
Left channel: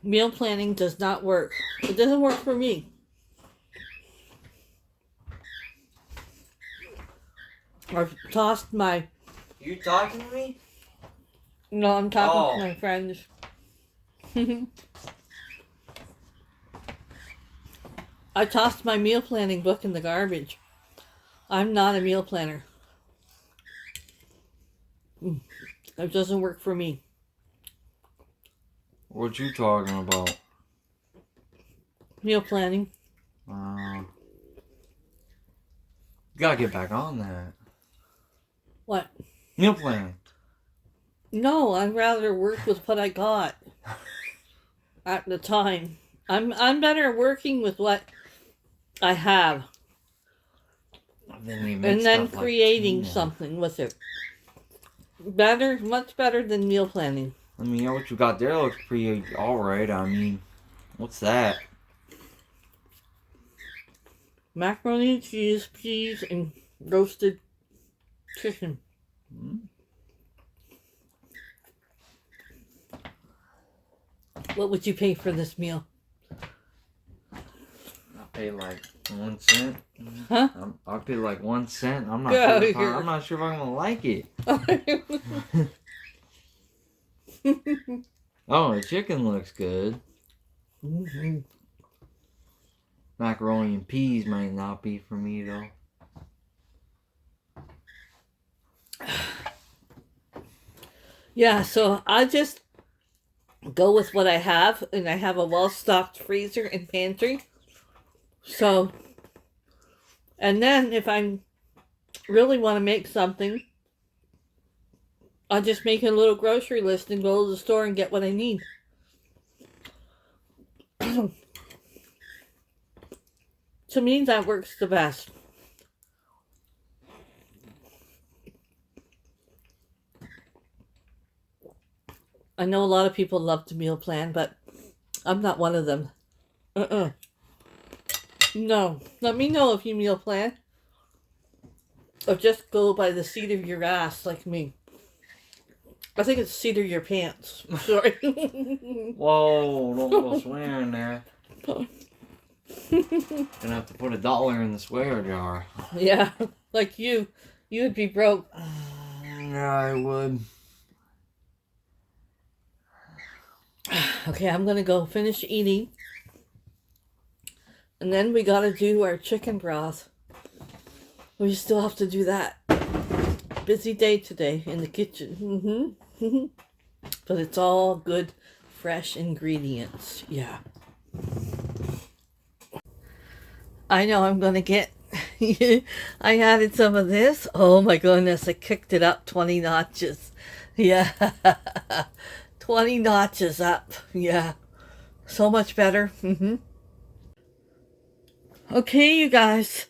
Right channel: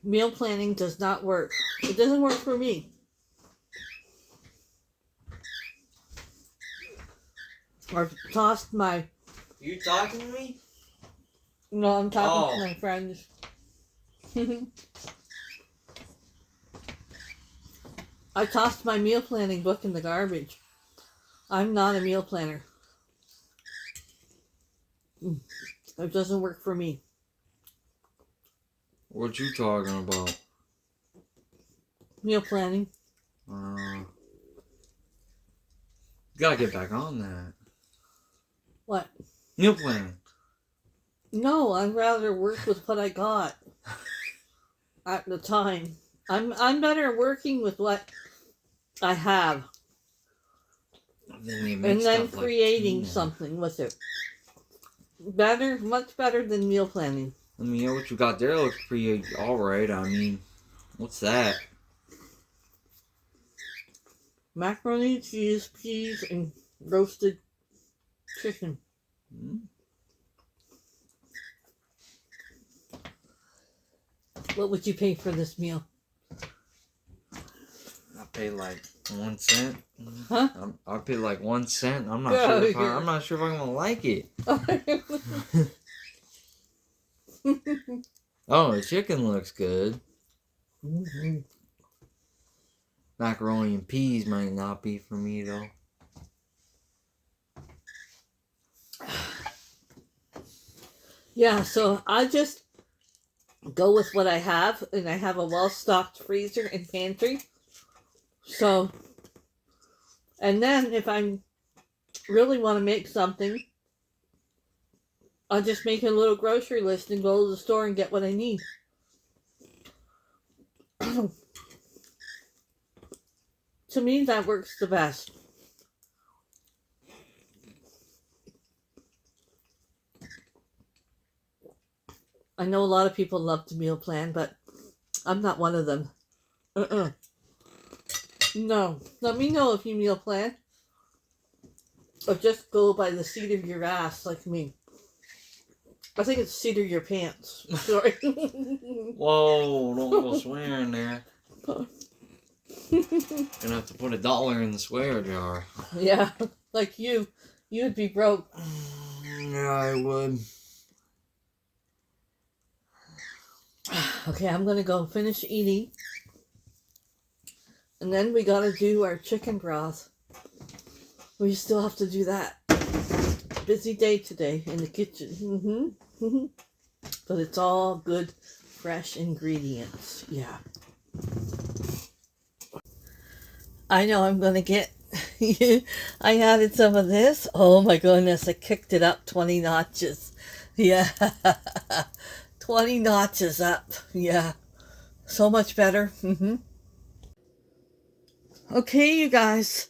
Meal planning does not work. It doesn't work for me. I've tossed my... You talking to me? No, I'm talking to my friends. I tossed my meal planning book in the garbage. I'm not a meal planner. It doesn't work for me. What you talking about? Meal planning. You gotta get back on that. What? Meal plan. No, I'd rather work with what I got at the time. I'm better working with what I have. And then creating something with it. Better, much better than meal planning. I mean, yeah, what you got there looks pretty alright. I mean, what's that? Macaroni, cheese, peas, and roasted chicken. What would you pay for this meal? I paid like 1 cent. Huh? I paid like 1 cent. I'm not Yeah, sure. I'm not sure if I'm gonna like it. Oh, the chicken looks good. Macaroni and peas might not be for me though. Yeah, so I just go with what I have, and I have a well-stocked freezer and pantry. So, and then if I really want to make something, I'll just make a little grocery list and go to the store and get what I need. To me, that works the best. I know a lot of people love to meal plan, but I'm not one of them. No. Let me know if you meal plan. Or just go by the seat of your ass like me. I think it's seat of your pants. Sorry. Whoa, don't go swearing there. Gonna have to put $1 in the swear jar. Yeah, like you. You would be broke. Yeah, I would. Okay, I'm gonna go finish eating. And then we gotta do our chicken broth. We still have to do that. Busy day today in the kitchen. But it's all good, fresh ingredients. Yeah. I know I'm gonna get... I added some of this. Oh my goodness, I kicked it up 20 notches. Yeah. 20 notches up. Yeah. So much better. Okay, you guys.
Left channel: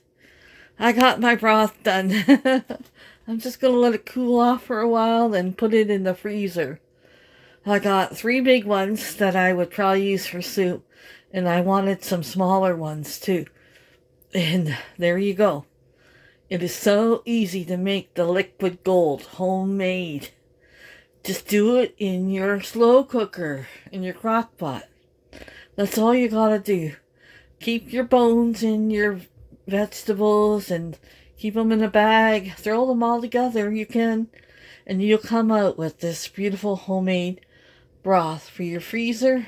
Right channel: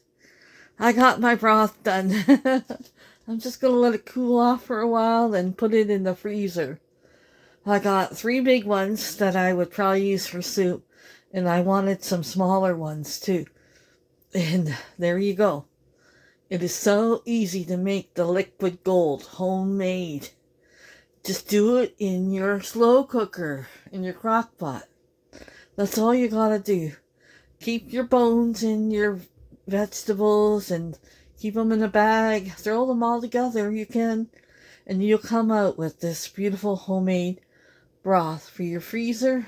I got my broth done. I'm just going to let it cool off for a while and put it in the freezer. I got 3 big ones that I would probably use for soup. And I wanted some smaller ones too. And there you go. It is so easy to make the liquid gold homemade. Just do it in your slow cooker, in your crock pot. That's all you gotta do. Keep your bones in your vegetables and keep them in a bag. Throw them all together, you can. And you'll come out with this beautiful homemade broth for your freezer.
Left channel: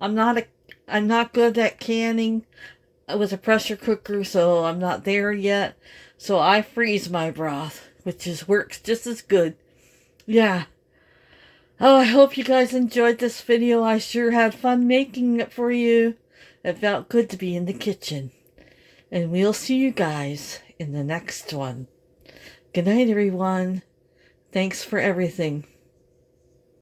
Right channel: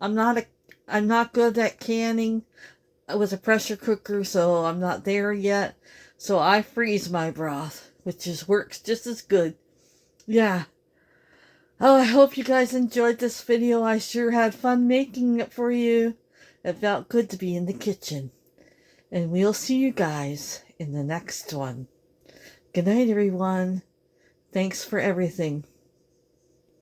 I'm not good at canning with a pressure cooker, so I'm not there yet. So I freeze my broth, which works just as good. Yeah. Oh, I hope you guys enjoyed this video. I sure had fun making it for you. It felt good to be in the kitchen. And we'll see you guys in the next one. Good night, everyone. Thanks for everything.